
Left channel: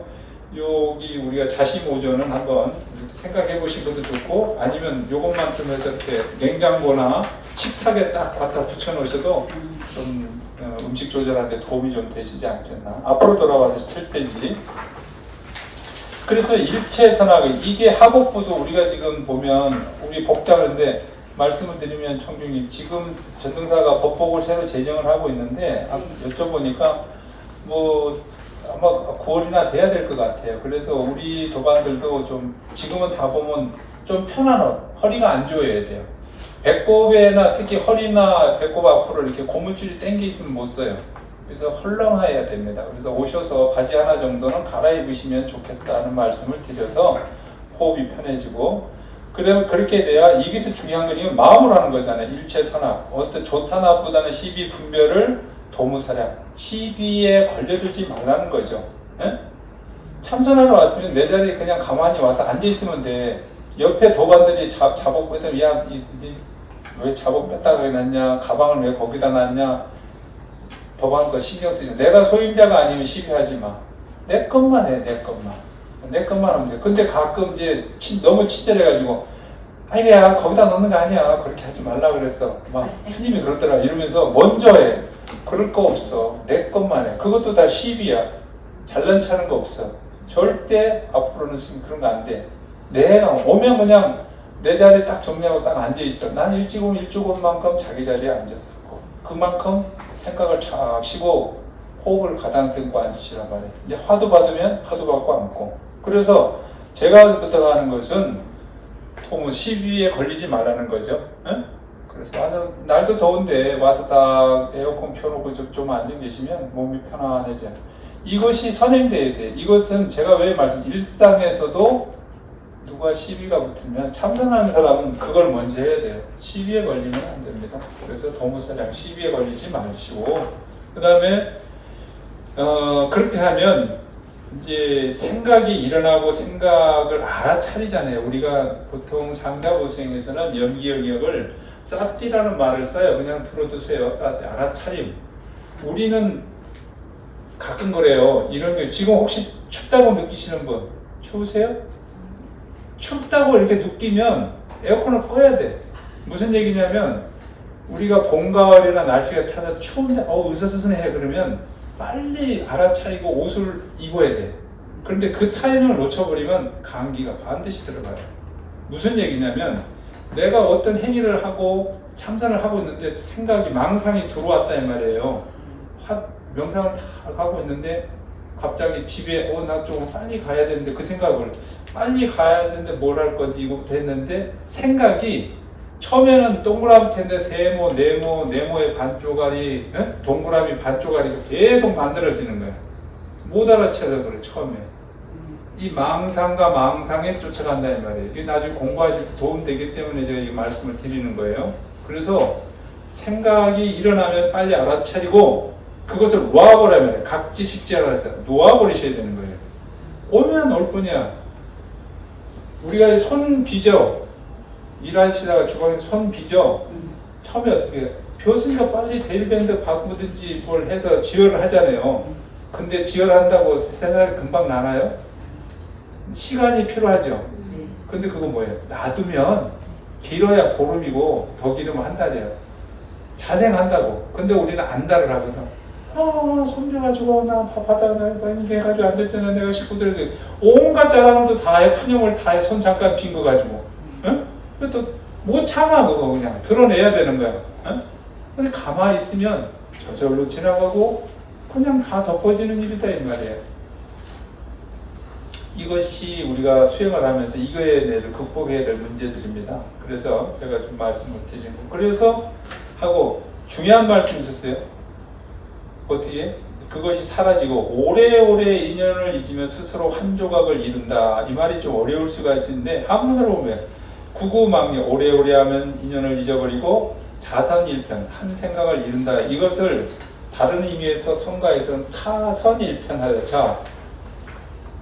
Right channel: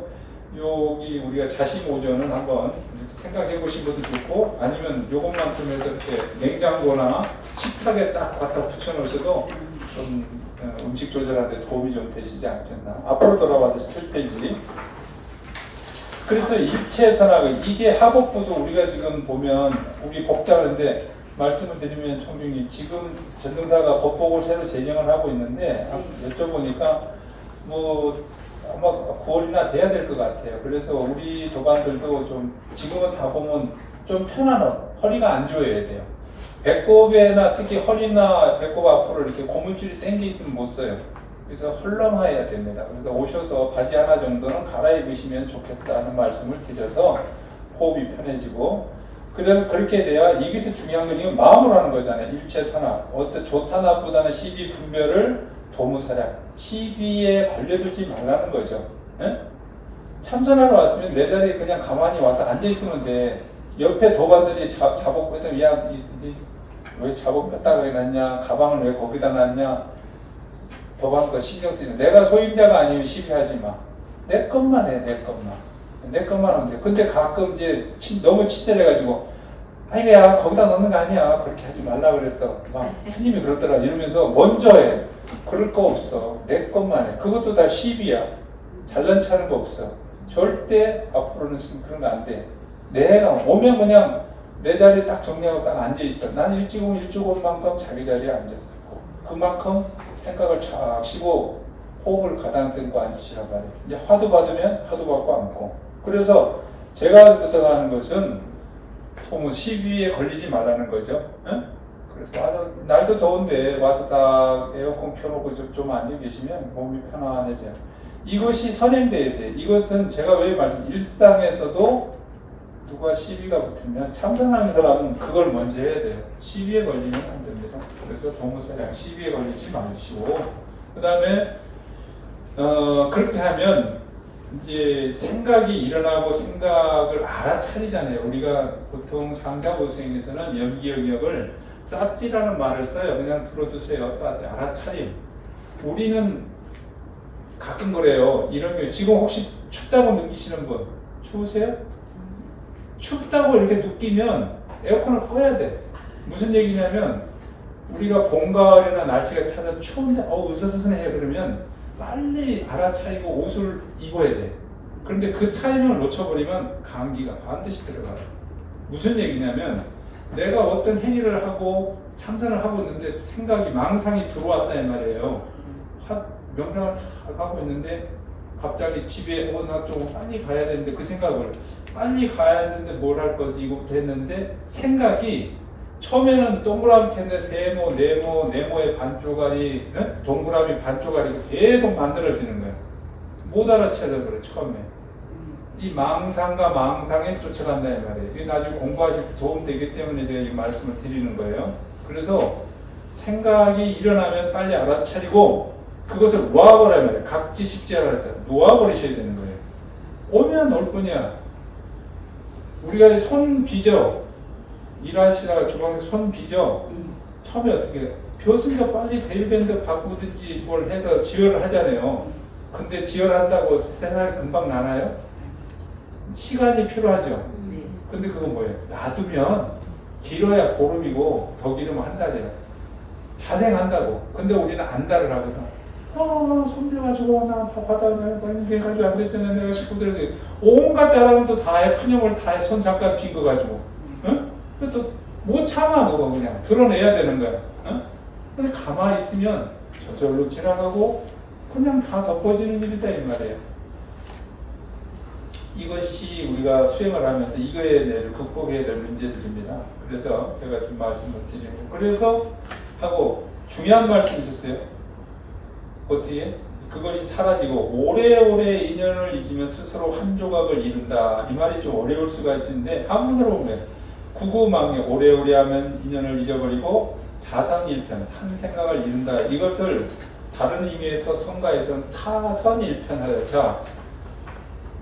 여기 우리가 자식오전은 한번 생각해 보신 것도 좋고 아니면 요것만 좀 해서 이렇게 냉장고나 식탁에 딱 갖다 붙여 놓으셔도 좀 음식 조절하는데 도움이 좀 되시지 않겠나. 앞으로 돌아와서 7페이지. 그래서 일체 선악을 이게 하복부도 우리가 지금 보면 우리 복잡한데 말씀을 드리면 총중이 지금 전등사가 법복을 새로 제정을 하고 있는데 여쭤보니까 아마 9월이나 돼야 될 것 같아요. 그래서 우리 도반들도 좀 지금은 다 보면 좀 편안한 허리가 안 조여야 돼요. 배꼽에나 특히 허리나 배꼽 앞으로 이렇게 고무줄이 당겨 있으면 못 써요. 그래서 헐렁해야 됩니다. 그래서 오셔서 바지 하나 정도는 갈아입으시면 좋겠다는 말씀을 드려서 호흡이 편해지고 그다음에 그렇게 돼야 여기서 중요한 건 마음으로 하는 거잖아요. 일체선악. 어떤 좋다 나쁘다는 시비 분별을 도무사량. 시비에 걸려들지 말라는 거죠. 예? 참선하러 왔으면 내 자리에 그냥 가만히 와서 앉아있으면 돼. 옆에 도반들이 자복 뺐다면 야, 왜 자복 뺐다가 놨냐? 가방을 왜 거기다 놨냐? 도반 거 신경 쓰지. 내가 소임자가 아니면 시비하지 마. 내 것만 해, 내 것만. 내 것만 하면 돼. 근데 가끔 이제 너무 친절해가지고 아니 야 거기다 넣는 거 아니야. 그렇게 하지 말라 그랬어. 막 스님이 그러더라. 이러면서 먼저 해. 그럴 거 없어. 내 것만 해. 그것도 다 시비야. 잘난 체하는 거 없어. 절대 앞으로는 그런 거 안 돼. 내가 오면 그냥 내 자리에 딱 정리하고 딱 앉아있어. 난 일찍 오면 일찍 온 만큼 자기 자리에 앉아있고 그만큼 생각을 쫙 쉬고 호흡을 가다듬고 앉으시란 말이에요. 이제 화두 받으면 화두 받고 앉고. 그래서 제가 부탁하는 것은 도무 시비에 걸리지 말라는 거죠. 응? 그래서 와서 날도 더운데 와서 딱 에어컨 켜놓고 좀 앉아 계시면 몸이 편안해져요. 이것이 선행돼야 돼. 이것은 제가 왜 일상에서도 누가 시비가 붙으면 참선하는 사람은 그걸 먼저 해야 돼요. 시비에 걸리면 안 됩니다. 그래서 도무사량 시비에 걸리지 마시고 그 다음에 그렇게 하면 이제 생각이 일어나고 생각을 알아차리잖아요. 우리가 보통 상자보생에서는 연기영역을 쌌띠라는 말을 써요. 그냥 들어두세요. 쌌띠 알아차림. 우리는 가끔 그래요. 이런 게 지금 혹시 춥다고 느끼시는 분 추우세요? 춥다고 이렇게 느끼면 에어컨을 꺼야 돼. 무슨 얘기냐면 우리가 봄, 가을이나 날씨가 차서 추운데 으스스스해 그러면 빨리 알아차리고 옷을 입어야 돼. 그런데 그 타이밍을 놓쳐버리면 감기가 반드시 들어가요. 무슨 얘기냐면 내가 어떤 행위를 하고 참선을 하고 있는데 생각이 망상이 들어왔다 이 말이에요. 명상을 하고 있는데 갑자기 집에 나 좀 빨리 가야 되는데 그 생각을 빨리 가야 되는데 뭘 할 거지 이거부터 했는데 생각이 처음에는 동그라미 텐데 세모, 네모의 반쪽알이 동그라미 반쪽알이 계속 만들어지는 거야. 못 알아채서 그래 처음에. 이 망상과 망상에 쫓아간다 이 말이에요. 이게 나중에 공부하실 때 도움 되기 때문에 제가 이 말씀을 드리는 거예요. 그래서 생각이 일어나면 빨리 알아차리고 그것을 놓아버려야 말이에요. 각지식지하라 해서 놓아버리셔야 되는 거예요. 오면 올 뿐이야. 우리가 손 빚어 일하시다가 주방에서 손 빚어 처음에 어떻게 교수님도 빨리 데일밴드 바꾸든지 뭘 해서 지혈을 하잖아요. 근데 지혈한다고 세상이 금방 나나요? 시간이 필요하죠. 근데 그거 뭐예요? 놔두면 길어야 보름이고 더 길으면 한 달이에요. 자생한다고. 근데 우리는 안달을 하거든. 손녀가지고 나 바다 이게 해가지고 안 됐잖아. 내가 식구들한테 온갖 자랑도 다 해. 푸념을 다 해. 손 잠깐 빈 거 가지고. 응? 또 못 참아 그거 그냥 드러내야 되는 거야. 응? 근데 가만히 있으면 저절로 지나가고 그냥 다 덮어지는 일이다 이 말이에요. 이것이 우리가 수행을 하면서 이거에 대해 극복해야 될 문제들입니다. 그래서 제가 좀 말씀을 드리는 거. 그래서 하고 중요한 말씀 있었어요. 어떻게? 그것이 사라지고 오래오래 인연을 잊으면 스스로 한 조각을 이룬다. 이 말이 좀 어려울 수가 있는데 한문으로 보면 구구망리 오래오래 하면 인연을 잊어버리고 자상일편 한 생각을 이룬다. 이것을 다른 의미에서 성가에서는 타선일편하다. 자,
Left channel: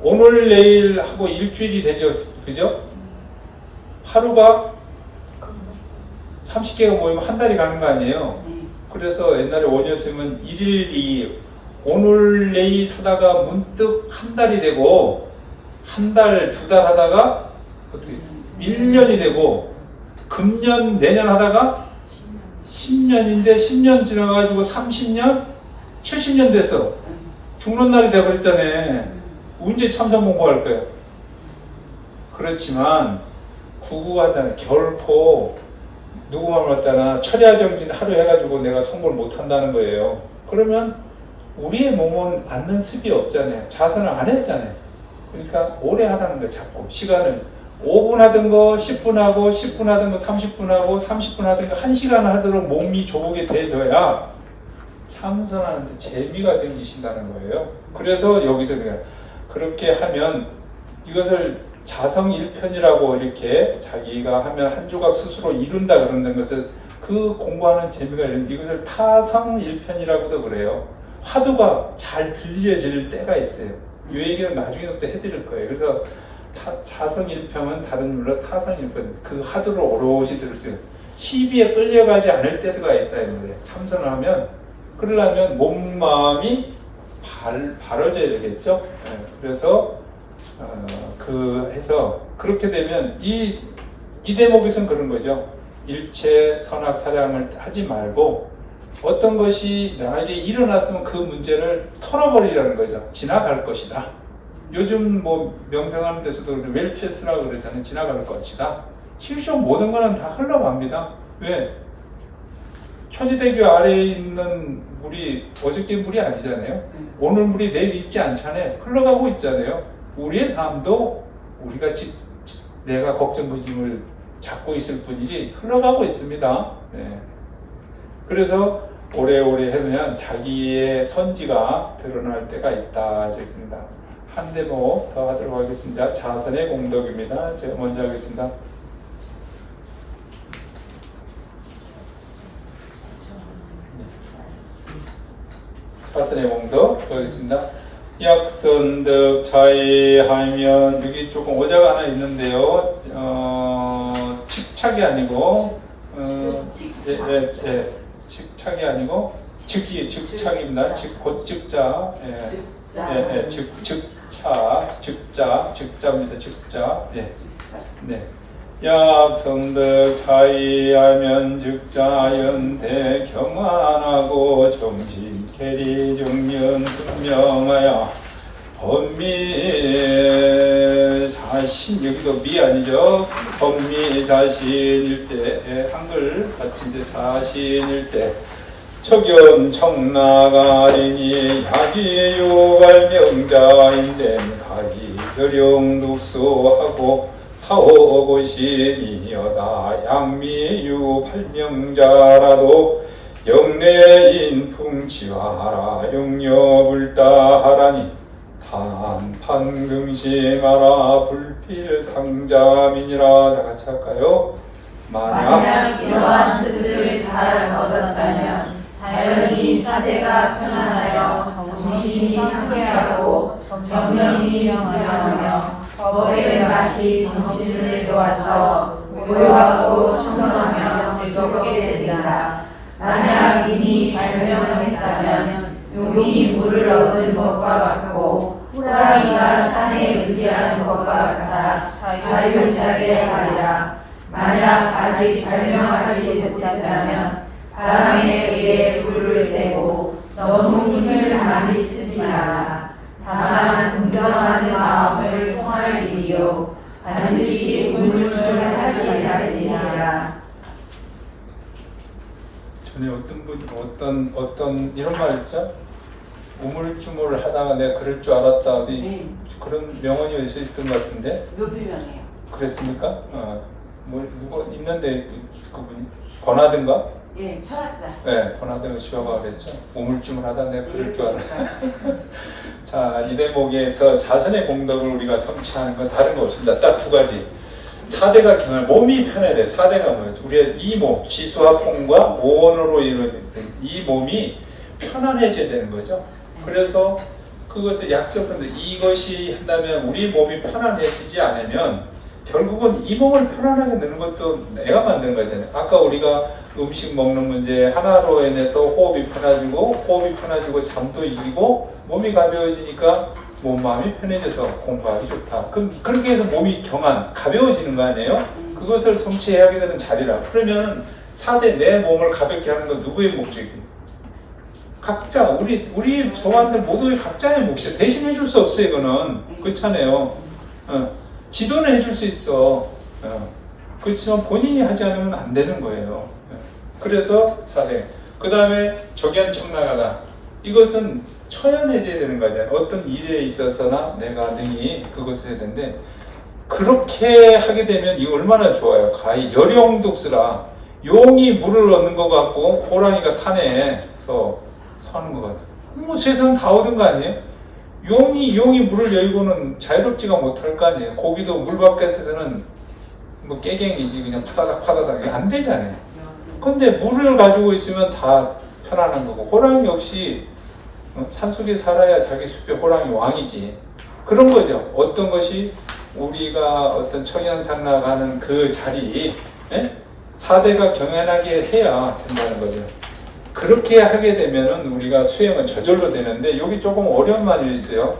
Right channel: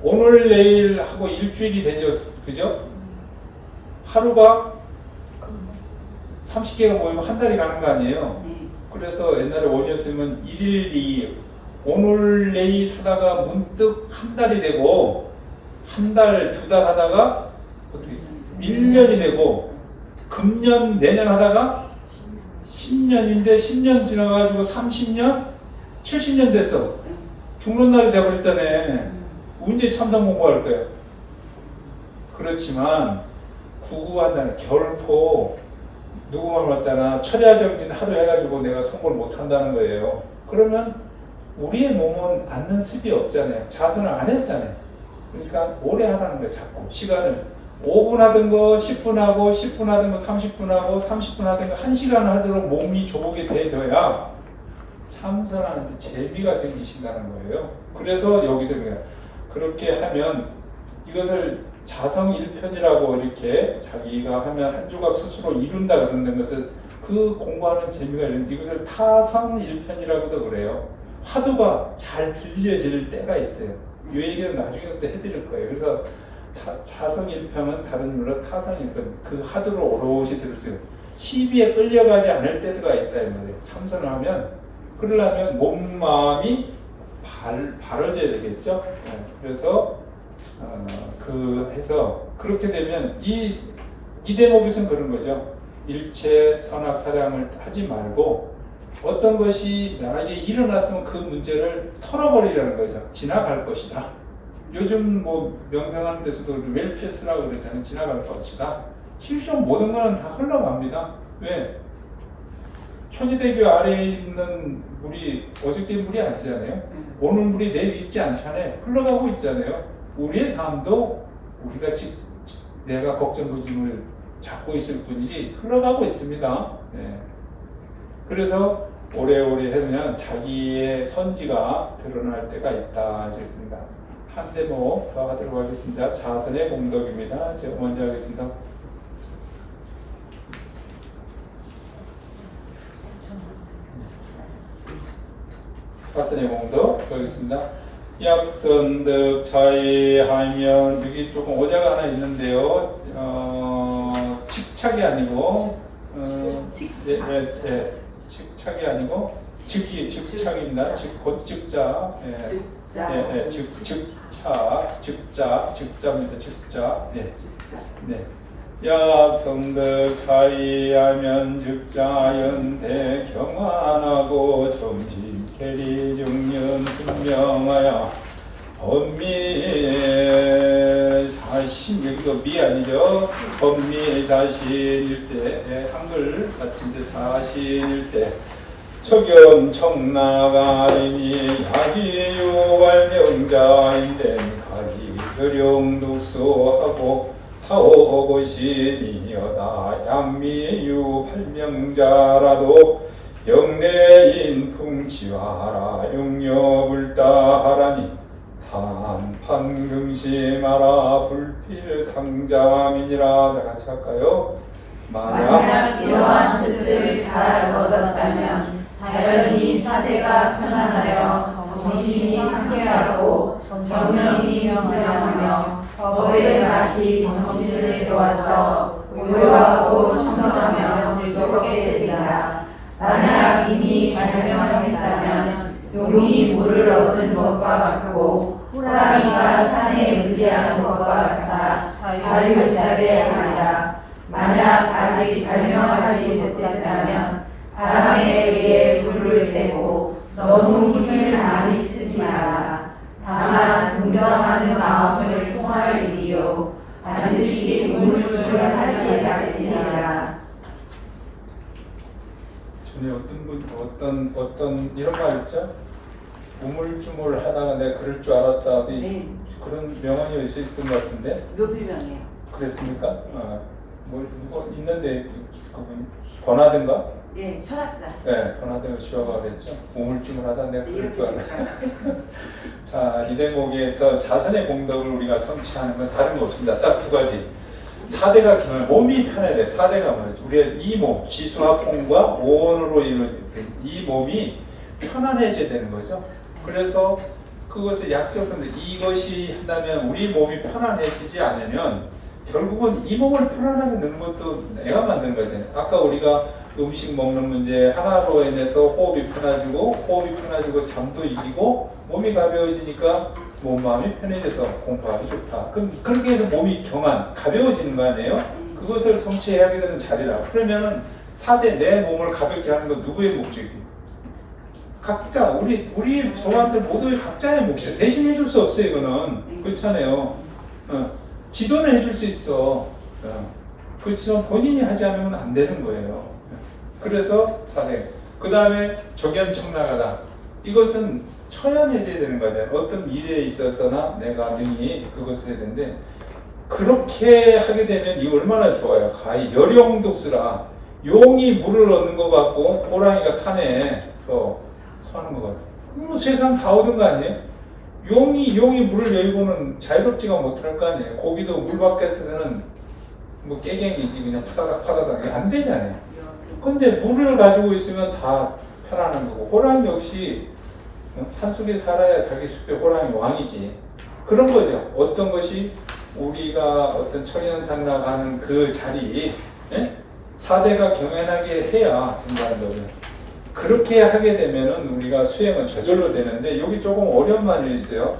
오늘 내일 하고 일주일이 되죠. 그죠? 하루가 30개가 모이면 한 달이 가는 거 아니에요? 그래서 옛날에 원이었으면 1일 2일 오늘 내일 하다가 문득 한 달이 되고 한 달, 두 달 하다가 어떻게 1년이 되고 금년, 내년 하다가 10년인데 10년 지나가지고 30년, 70년 됐어. 죽는 날이 돼버렸잖아요. 언제 참선 공부할 거야? 그렇지만 구구한다는 결포 누구만 왔다나 철야정진 하루 해가지고 내가 성불 못한다는 거예요. 그러면 우리의 몸은 앉는 습이 없잖아요. 자선을 안 했잖아요. 그러니까 오래 하라는 거예요. 자꾸 시간을 5분 하던 거 10분 하고 10분 하던 거 30분 하고 30분 하던 거 1시간 하도록 몸이 조국이 돼져야 참선하는데 재미가 생기신다는 거예요. 그래서 여기서 그냥 그렇게 하면 이것을 자성일편이라고 이렇게 자기가 하면 한 조각 스스로 이룬다 그러는 것을 그 공부하는 재미가 있는 이것을 타성일편이라고도 그래요. 화두가 잘 들려질 때가 있어요. 이 얘기는 나중에 또 해드릴 거예요. 그래서 자성일편은 다른 말로 타성일편, 그 화두를 오롯이 들었어요. 시비에 끌려가지 않을 때가 있다 이 말이에요. 참선을 하면 그러려면 몸 마음이 바로져야 되겠죠. 그래서 해서 그렇게 되면 이 대목에서는 그런 거죠. 일체 선악 사량을 하지 말고 어떤 것이 나에게 일어났으면 그 문제를 털어버리라는 거죠. 지나갈 것이다. 요즘 뭐 명상하는 데서도 웰피스라고 그러잖아요. 지나갈 것이다. 실제 모든 거는 다 흘러갑니다. 왜? 천지대교 아래에 있는 물이 어저께 물이 아니잖아요. 오늘 물이 내일 있지 않잖아요. 흘러가고 있잖아요. 우리의 삶도 우리가 내가 걱정부짐을 잡고 있을 뿐이지 흘러가고 있습니다. 네. 그래서 오래오래 하면 자기의 선지가 드러날 때가 있다 이랬습니다. 한 대목 더 하도록 하겠습니다. 자선의 공덕입니다. 제가 먼저 하겠습니다. 자선의 공덕 하겠습니다. 약선득 자의하면 여기 조금 오자가 하나 있는데요. 칙착이 아니고 칙착이 아니고 즉착입니다. 곧 즉자. 즉자입니다. 즉자. 네. 약성득 자의하면 즉자연대 경안하고 정진 계리 정면 분명하여 법미 자신 여기도 미 아니죠? 법미 자신일세 한글 같은데 자신일세 척연 청나가리니 약이 유발명자인데 각이 혈용독소하고 사오고시니여다 양미유 발명자라도 영내인 풍치와하라 용여불다하라니 단판금심하라 불필상자민이라. 다 같이 할까요? 만약 이러한 뜻을 잘 얻었다면 자연히 사대가 편안하여 정신이 상쾌하고 정령이 명령하며 법의 맛이 정신을 놓아서 고요하고 청정하며 즐겁게 되리라. 만약 이미 발명했다면 용이 물을 얻은 것과 같고 호랑이가 산에 의지하는 것과 같아 자유자재 하리라. 만약 아직 발명하지 못했다면 바람에 의해 불을 떼고 너무 힘을 많이 쓰지 않아. 다만 긍정하는 마음을 통할 일이요 반드시 우물쭈물 하지 않으리라. 전에 어떤 이런 말 있죠? 우물쭈물 하다가 내가 그럴 줄 알았다. 그런 명언이 어디서 있던 것 같은데? 묘비명이에요. 그랬습니까? 뭐 누가 있는데 그분이 번하든가? 예, 철학자. 네, 번하든가 시화가 그랬죠. 우물쭈물 하다 내가 그럴 줄 알았다. 자, 이 대목에서 자선의 공덕을 우리가 성취하는 건 다른 거 없습니다. 딱 두 가지. 사대가 기면 몸이 편해야 돼. 사대가 뭐예요? 우리가 이 몸, 지수합공과 오원으로 이루어진 이 몸이 편안해져야 되는 거죠. 그래서 그것을 약속선데 이것이 한다면 우리 몸이 편안해지지 않으면 결국은 이 몸을 편안하게 넣는 것도 내가 만든 거잖아요. 아까 우리가 음식 먹는 문제 하나로 인해서 호흡이 편해지고 잠도 이기고 몸이 가벼워지니까 몸 마음이 편해져서 공부하기 좋다. 그럼 그렇게 해서 몸이 가벼워지는 거 아니에요? 그것을 성취해야 되는 자리라. 그러면 4대 내 몸을 가볍게 하는 건 누구의 목적입니까? 각자 우리 동안들 모두의 각자의 몫이에요. 대신 해줄 수 없어요. 이거는 그렇잖아요. 지도는 해줄 수 있어. 그렇지만 본인이 하지 않으면 안 되는 거예요. 그래서 4대. 그 다음에 적연청나가다. 이것은 처연해져야 되는 거잖아요. 어떤 일에 있어서나 내가 능히 그것을 해야 되는데 그렇게 하게 되면 이 얼마나 좋아요. 가히 열용독수라. 용이 물을 얻는 것 같고 호랑이가 산에서 사는 것 같아요. 뭐 세상 다 얻은 거 아니에요? 용이 물을 열고는 자유롭지가 못할 거 아니에요. 고기도 물 밖에서는 뭐 깨갱이지 그냥 파다닥 안 되잖아요. 근데 물을 가지고 있으면 다 편안한 거고, 호랑이 역시 산속에 살아야 자기 숲의 호랑이 왕이지. 그런 거죠. 어떤 것이 우리가 어떤 청양산나가는 그 자리, 예? 사대가 경연하게 해야 된다는 거죠. 그렇게 하게 되면은 우리가 수행은 저절로 되는데, 여기 조금 어려운 말이 있어요.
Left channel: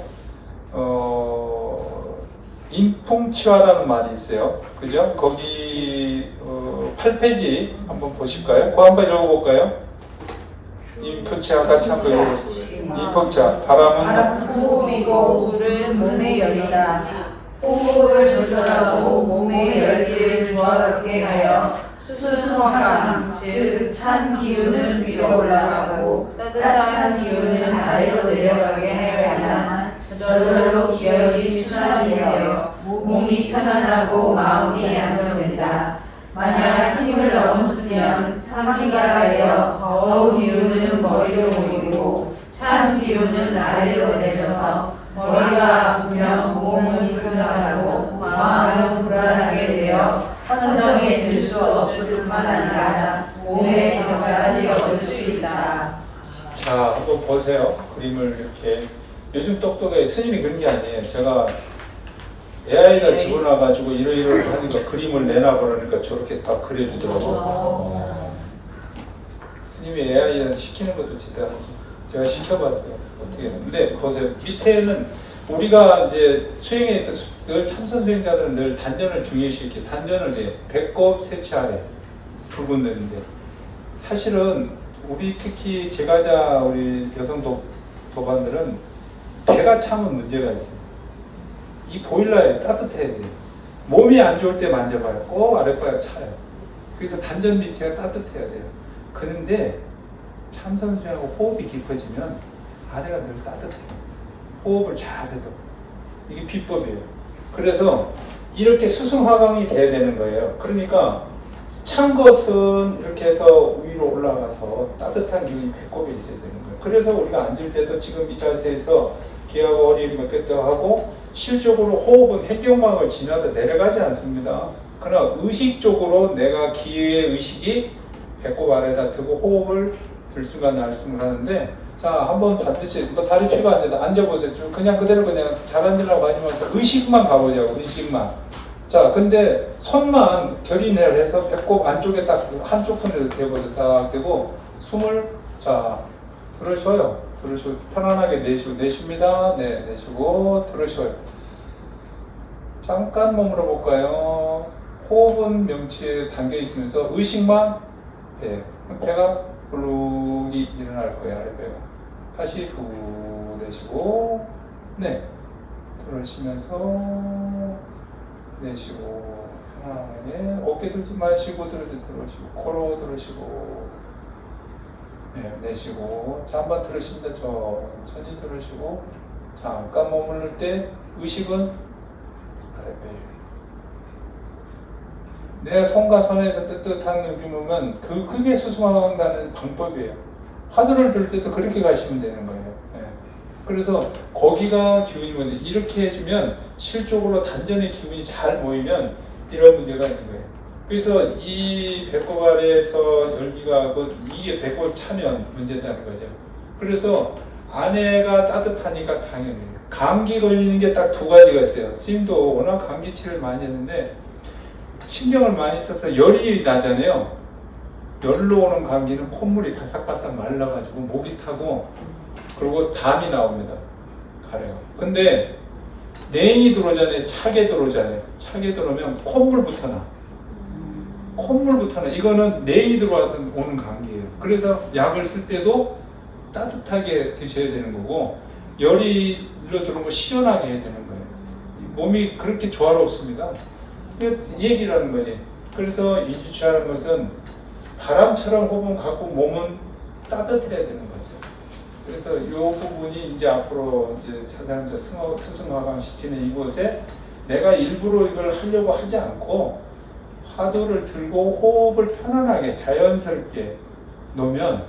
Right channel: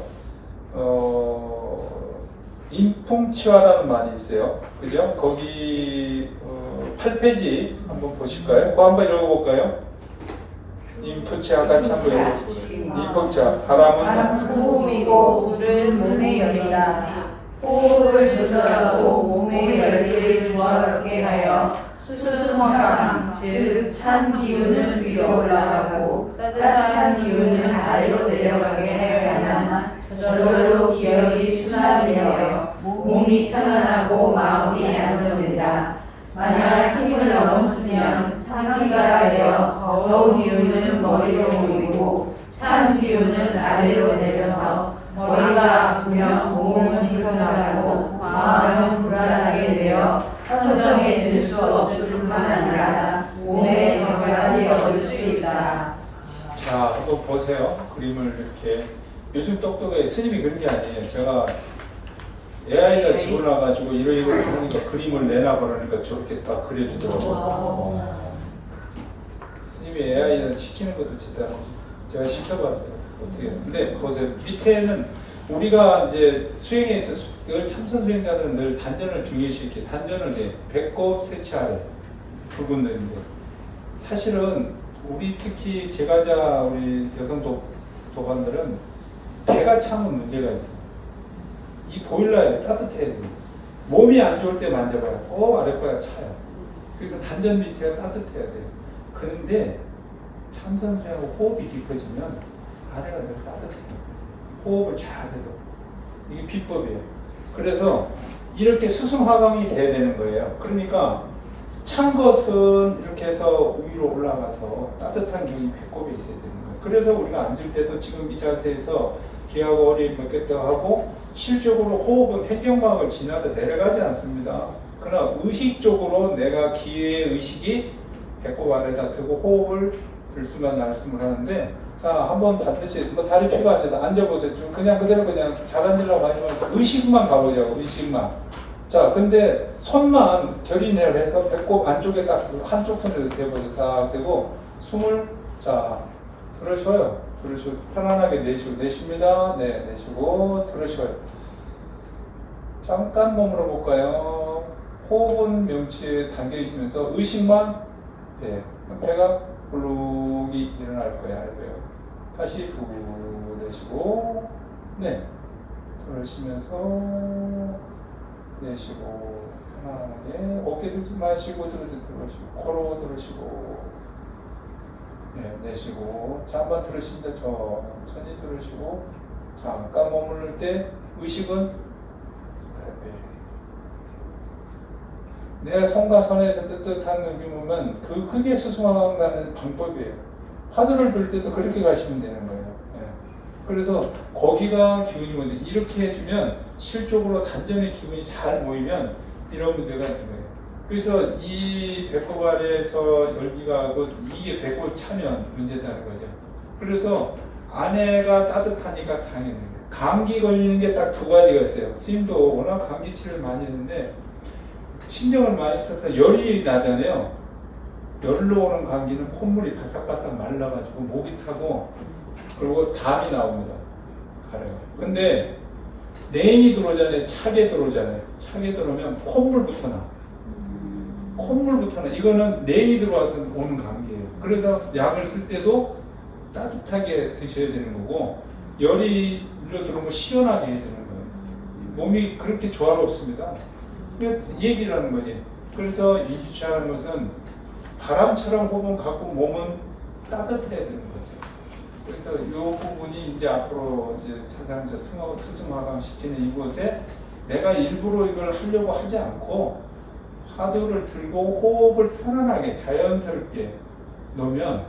인풍치화라는 말이 있어요. 그죠? 거기 8페이지 한번 보실까요? 그거 한번 읽어볼까요? 인풍치화 같이 한번 읽어보세요. 인풍치화. 바람은 호흡이고 물을 몸에 열리라. 호흡을 조절하고 몸의 열기를 조화롭게 하여 수승화강, 즉 찬 기운은 위로 올라가고 따뜻한 기운은 아래로 내려가게 하여야만 저절로 기혈이 순환이 되어 몸이 편안하고 마음이 안정된다. 만약 힘을 너무 쓰면 상기가 되어 더욱 기운은 머리로 모이고 찬 기운은 아래로 내려서 머리가 아프며 몸은 불편하고 마음은 불안하게 되어 선정에 들 수 없을 뿐만 아니라 몸의 병까지 얻을 수 있다. 자, 한번 보세요. 그림을 이렇게. 요즘 똑똑해. 스님이 그런 게 아니에요. 제가 AI가 집어넣어가지고 이러이러 하니까 그림을 내놔 그러니까 저렇게 딱 그려주더라고요. 스님이 AI는 시키는 것도 제대로 제가 시켜봤어요. 어떻게 해요. 근데 보세요. 밑에는 우리가 이제 수행에 있어서 늘 참선 수행자들은 늘 단전을 중요시하게 단전을 해. 배꼽 세치 아래 붉은 눈인데, 사실은 우리 특히 제가자 우리 여성 도반들은 배가 차면 문제가 있어요. 이 보일러에 따뜻해야 돼요. 몸이 안 좋을 때 만져봐요. 꼭 아랫배가 차요. 그래서 단전 밑에가 따뜻해야 돼요. 그런데 참선 수행하고 호흡이 깊어지면 아래가 늘 따뜻해요. 호흡을 잘 해도. 이게 비법이에요. 그래서 이렇게 수승화강이 돼야 되는 거예요. 그러니까 찬 것은 이렇게 해서 위로 올라가서 따뜻한 기운이 배꼽에 있어야 되는 거예요. 그래서 우리가 앉을 때도 지금 이 자세에서 귀하고 허리 몇개더 하고, 실적으로 호흡은 횡격막을 지나서 내려가지 않습니다. 그러나 의식적으로 내가 기의 의식이 배꼽 아래에다 두고 호흡을 들숨과 날숨을 하는데, 자, 한번 반드시 뭐 다리 펴고 앉아보세요. 좀 그냥 그대로 그냥 잘 앉으려고 하지 말고 의식만 가보자고. 의식만. 자, 근데 손만 결인을 해서 배꼽 안쪽에 딱 한쪽 손으로 대보세요. 딱 대고 숨을 자 들으셔요. 들으시고 편안하게 내쉽니다. 네, 내쉬고 들으셔요. 잠깐 머물러 볼까요? 호흡은 명치에 담겨 있으면서 의식만 배가 불룩이 일어날 거예요. 아래배요. 다시 후 내쉬고 네 들으시면서 내쉬고 편안하게 어깨 들지 마시고 들으시고 코로 들으시고 네, 내쉬고 자 한번 들으십니다. 천천히 들으시고 잠깐 머무를 때 의식은 아래배 내 손과 손에서 뜨뜻한 느낌이면 그게 수승화강다는 방법이에요. 화두를 들 때도 그렇게 가시면 되는 거예요. 예. 그래서 거기가 기운이 뭔데 이렇게 해주면 실적으로 단전의 기운이 잘 모이면 이런 문제가 있는 거예요. 그래서 이 배꼽 아래에서 열기가 이게 배꼽 차면 문제다는 거죠. 그래서 아내가 따뜻하니까 당연히 감기 걸리는 게 딱 두 가지가 있어요. 스님도 워낙 감기치를 많이 했는데 신경을 많이 써서 열이 나잖아요. 열로 오는 감기는 콧물이 바싹바싹 말라가지고 목이 타고 그리고 담이 나옵니다. 가래요. 근데 냉이 들어오잖아요. 차게 들어오잖아요. 차게 들어오면 콧물부터 나. 콧물부터 나. 이거는 냉이 들어와서 오는 감기예요. 그래서 약을 쓸 때도 따뜻하게 드셔야 되는 거고 열이 일로 들어오면 시원하게 해야 되는 거예요. 몸이 그렇게 조화롭습니다. 얘기를 하는 거지. 그래서 이주치하는 것은 바람처럼 호흡은 갖고 몸은 따뜻해야 되는 거죠. 그래서 이 부분이 이제 앞으로 이제 찾아가면서 스승화강 시키는 이곳에 내가 일부러 이걸 하려고 하지 않고 화두를 들고 호흡을 편안하게 자연스럽게 놓으면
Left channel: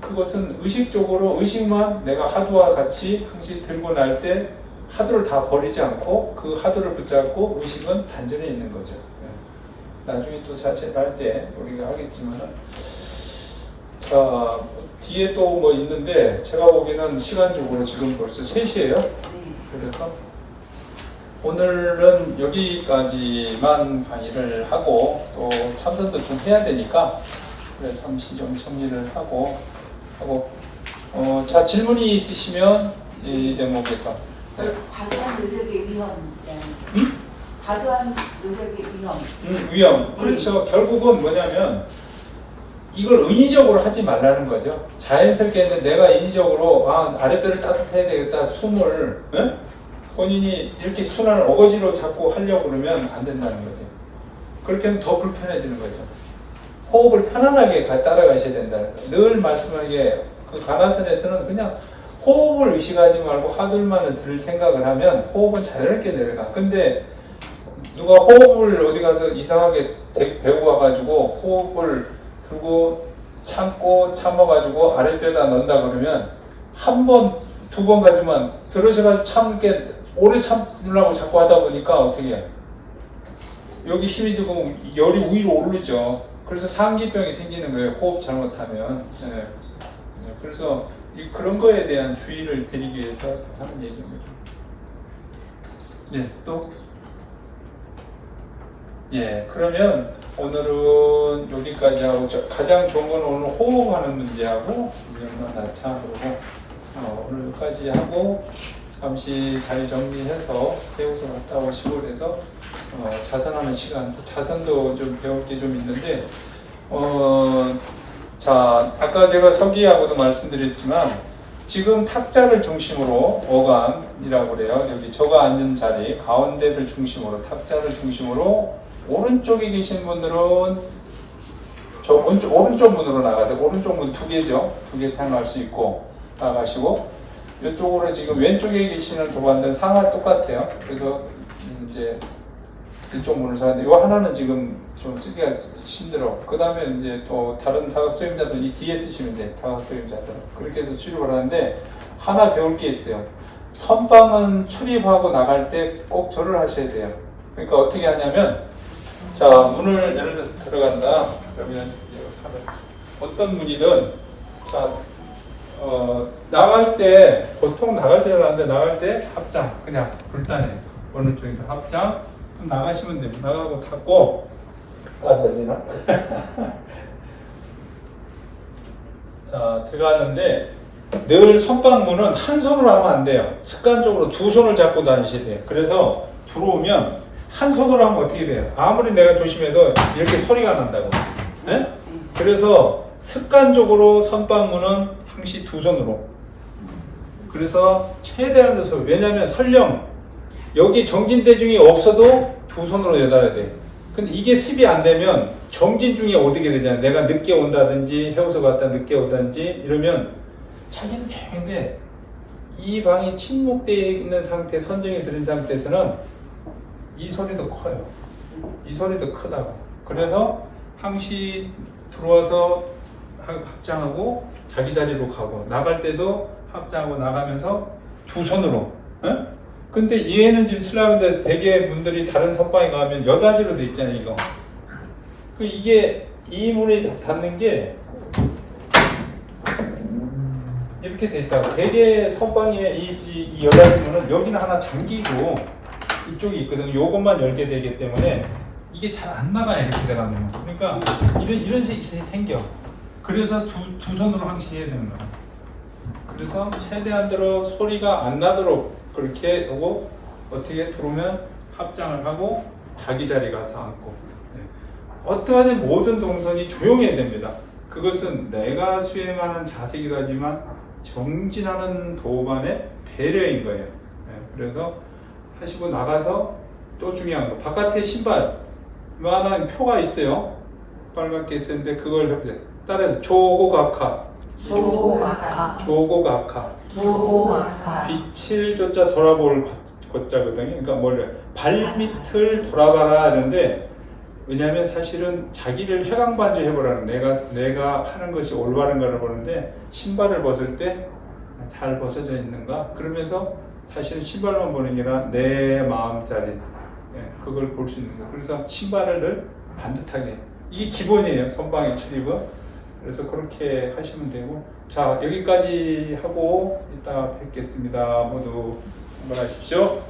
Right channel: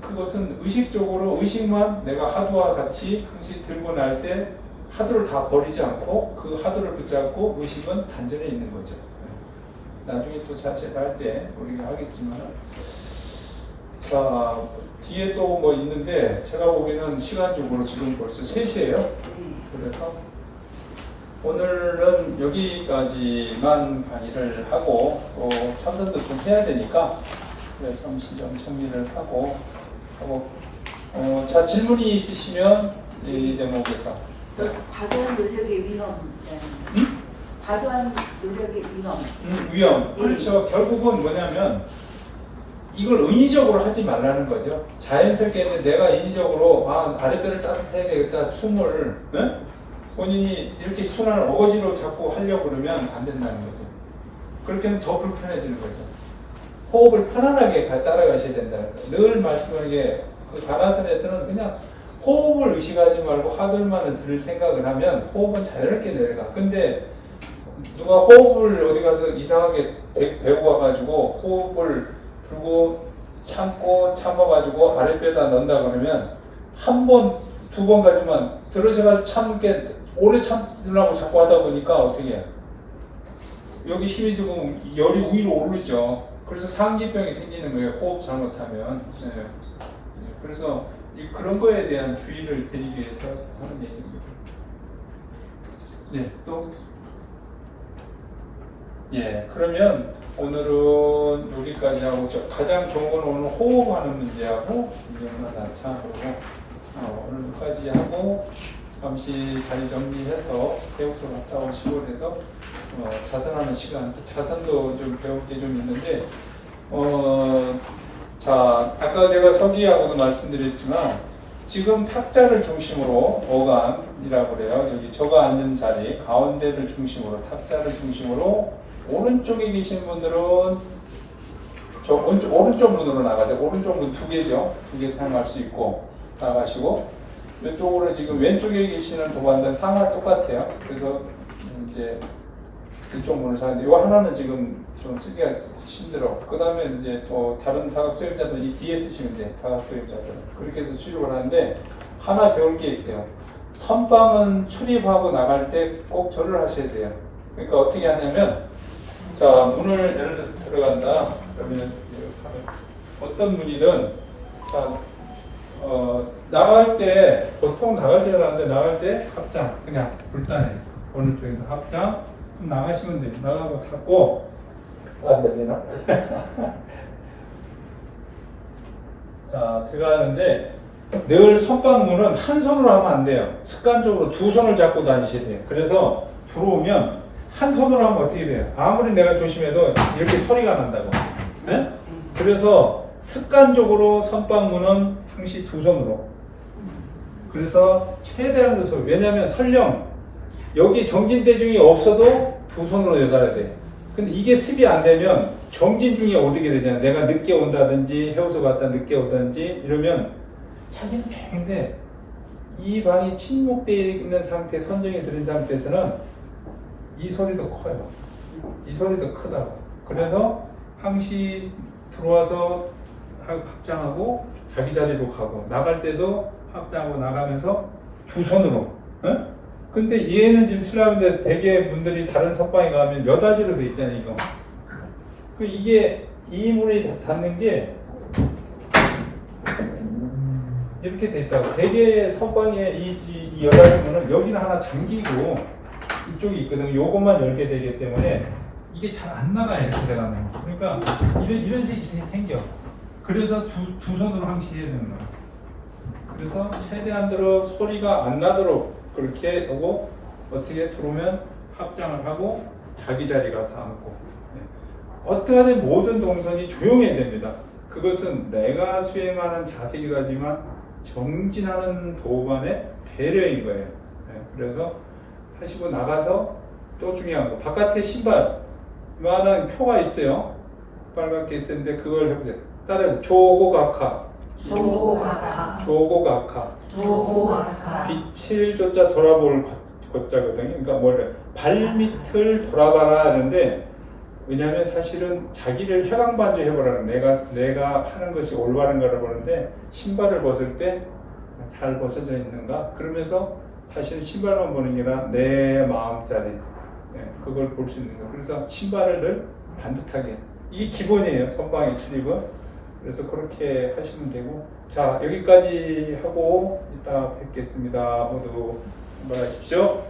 그것은 의식적으로 의식만 내가 하두와 같이 항시 들고 날 때 하두를 다 버리지 않고 그 하두를 붙잡고 의식은 단전에 있는 거죠. 나중에 또 자체를 할 때 우리가 하겠지만은 자 뒤에 또 뭐 있는데 제가 보기에는 시간적으로 지금 벌써 3시예요. 그래서 오늘은 여기까지만 강의를 하고 또 참선도 좀 해야 되니까 그래 잠시 좀 정리를 하고 자 질문이 있으시면 이 대목에서 과도한 노력의 위험. 과도한 노력의 위험. 위험. 그렇죠. 결국은 뭐냐면 이걸 인위적으로 하지 말라는 거죠. 자연스럽게는 내가 인위적으로 아랫배를 따뜻해야 되겠다 숨을 본인이 이렇게 손을 어거지로 잡고 하려고 그러면 안 된다는 거죠. 그렇게 하면 더 불편해지는 거죠. 호흡을 편안하게 따라가셔야 된다는 거예요. 늘 말씀하기에 그 가나선에서는 그냥 호흡을 의식하지 말고 하늘만을 들 생각을 하면 호흡은 자연스럽게 내려가. 근데 누가 호흡을 어디 가서 이상하게 배워가지고 호흡을 들고 참아가지고 아랫배에다 넣는다 그러면 한 번, 2번 가지만 들어서가 참게 오래 참으려고 자꾸 하다 보니까 어떻게 해요? 여기 힘이 들고 열이 위로 오르죠. 그래서 상기병이 생기는 거예요. 호흡 잘못하면. 그래서 그런 거에 대한 주의를 드리기 위해서 하는 얘기입니다. 또? 그러면 오늘은 여기까지 하고 가장 좋은 건 오늘 호흡하는 문제하고 오늘 여기까지 하고 잠시 자리 정리해서 배우서 갔다 오시고 그래서 자선하는 시간, 자선도 좀 배울 게 좀 있는데 자 아까 제가 서기하고도 말씀드렸지만 지금 탁자를 중심으로 어간이라고 그래요. 여기 저가 앉은 자리 가운데를 중심으로 탁자를 중심으로 오른쪽에 계신 분들은 저 오른쪽 문으로 나가세요. 오른쪽 문 2개죠. 2개 사용할 수 있고 나가시고 이쪽으로 지금 왼쪽에 계시는 도반들 상하 똑같아요. 그래서 이제 이쪽 문을 사는데 이 하나는 지금 좀 쓰기가 힘들어. 그 다음에 이제 또 다른 다각 수행자들 이 뒤에 쓰시면 돼. 다각 수행자들 그렇게 해서 출입을 하는데 하나 배울 게 있어요. 선방은 출입하고 나갈 때 꼭 절을 하셔야 돼요. 그러니까 어떻게 하냐면 자 문을 예를 들어서 들어간다 그러면 어떤 문이든 자 나갈 때 보통 나갈 때는 하는데 나갈 때 합장 그냥 불단해 어느 쪽이든 합장 그럼 나가시면 됩니다. 나가고 닫고 안 들리나? 자 들어갔는데 늘 선방문은 한 손으로 하면 안 돼요. 습관적으로 2손을 잡고 다니셔야 돼요. 그래서 들어오면 한 손으로 하면 어떻게 돼요? 아무리 내가 조심해도 이렇게 소리가 난다고. 네? 그래서 습관적으로 선방문은 항시 2손으로. 그래서 최대한 소리. 왜냐하면 설령 여기 정진대중이 없어도 2손으로 내달아야 돼. 근데 이게 습이 안 되면 정진 중에 어떻게 되잖아요. 내가 늦게 온다든지 해우서 갔다 늦게 오든지 이러면 자기는 조용한데 이 방이 침묵되어 있는 상태, 선정이 들은 상태에서는 이 소리도 커요. 이 소리도 크다고. 그래서 항시 들어와서 합장하고 자기 자리로 가고 나갈 때도 합장하고 나가면서 2손으로. 근데 얘는 지금 쓰려는데 대개 분들이 다른 선방에 가면 여다지로 돼 있잖아요. 이거. 이게 이 문이 닫는 게 이렇게 돼 있다고. 대개 선방에 이 여다지문은 여기는 하나 잠기고 이쪽이 있거든요. 요것만 열게 되기 때문에 이게 잘 안 나가요. 이렇게 들어가면. 그러니까 이런 식이 생겨. 그래서 두 손으로 항시해야 되는 거예요. 그래서 최대한대로 소리가 안 나도록 그렇게 오고 어떻게 들어오면 합장을 하고 자기 자리 가서 앉고 어떠하든 모든 동선이 조용해야 됩니다. 그것은 내가 수행하는 자세이기도 하지만 정진하는 도반의 배려인 거예요. 그래서 하시고 나가서 또 중요한 거 바깥에 신발만한 표가 있어요. 빨갛게 있었는데 그걸 해보세요. 따라해서 조고각하 빛을 조자 돌아볼 고자거든요. 그러니까 뭐래 발밑을 돌아봐라 하는데 왜냐하면 사실은 자기를 해강반주 해보라는 내가 하는 것이 올바른가를 보는데 신발을 벗을 때 잘 벗어져 있는가 그러면서 사실은 신발만 보는 게 아니라 내 마음자리 그걸 볼 수 있는 거예요. 그래서 신발을 늘 반듯하게 이게 기본이에요. 선방의 출입은. 그래서 그렇게 하시면 되고 자 여기까지 하고 이따 뵙겠습니다. 모두 한번 하십시오.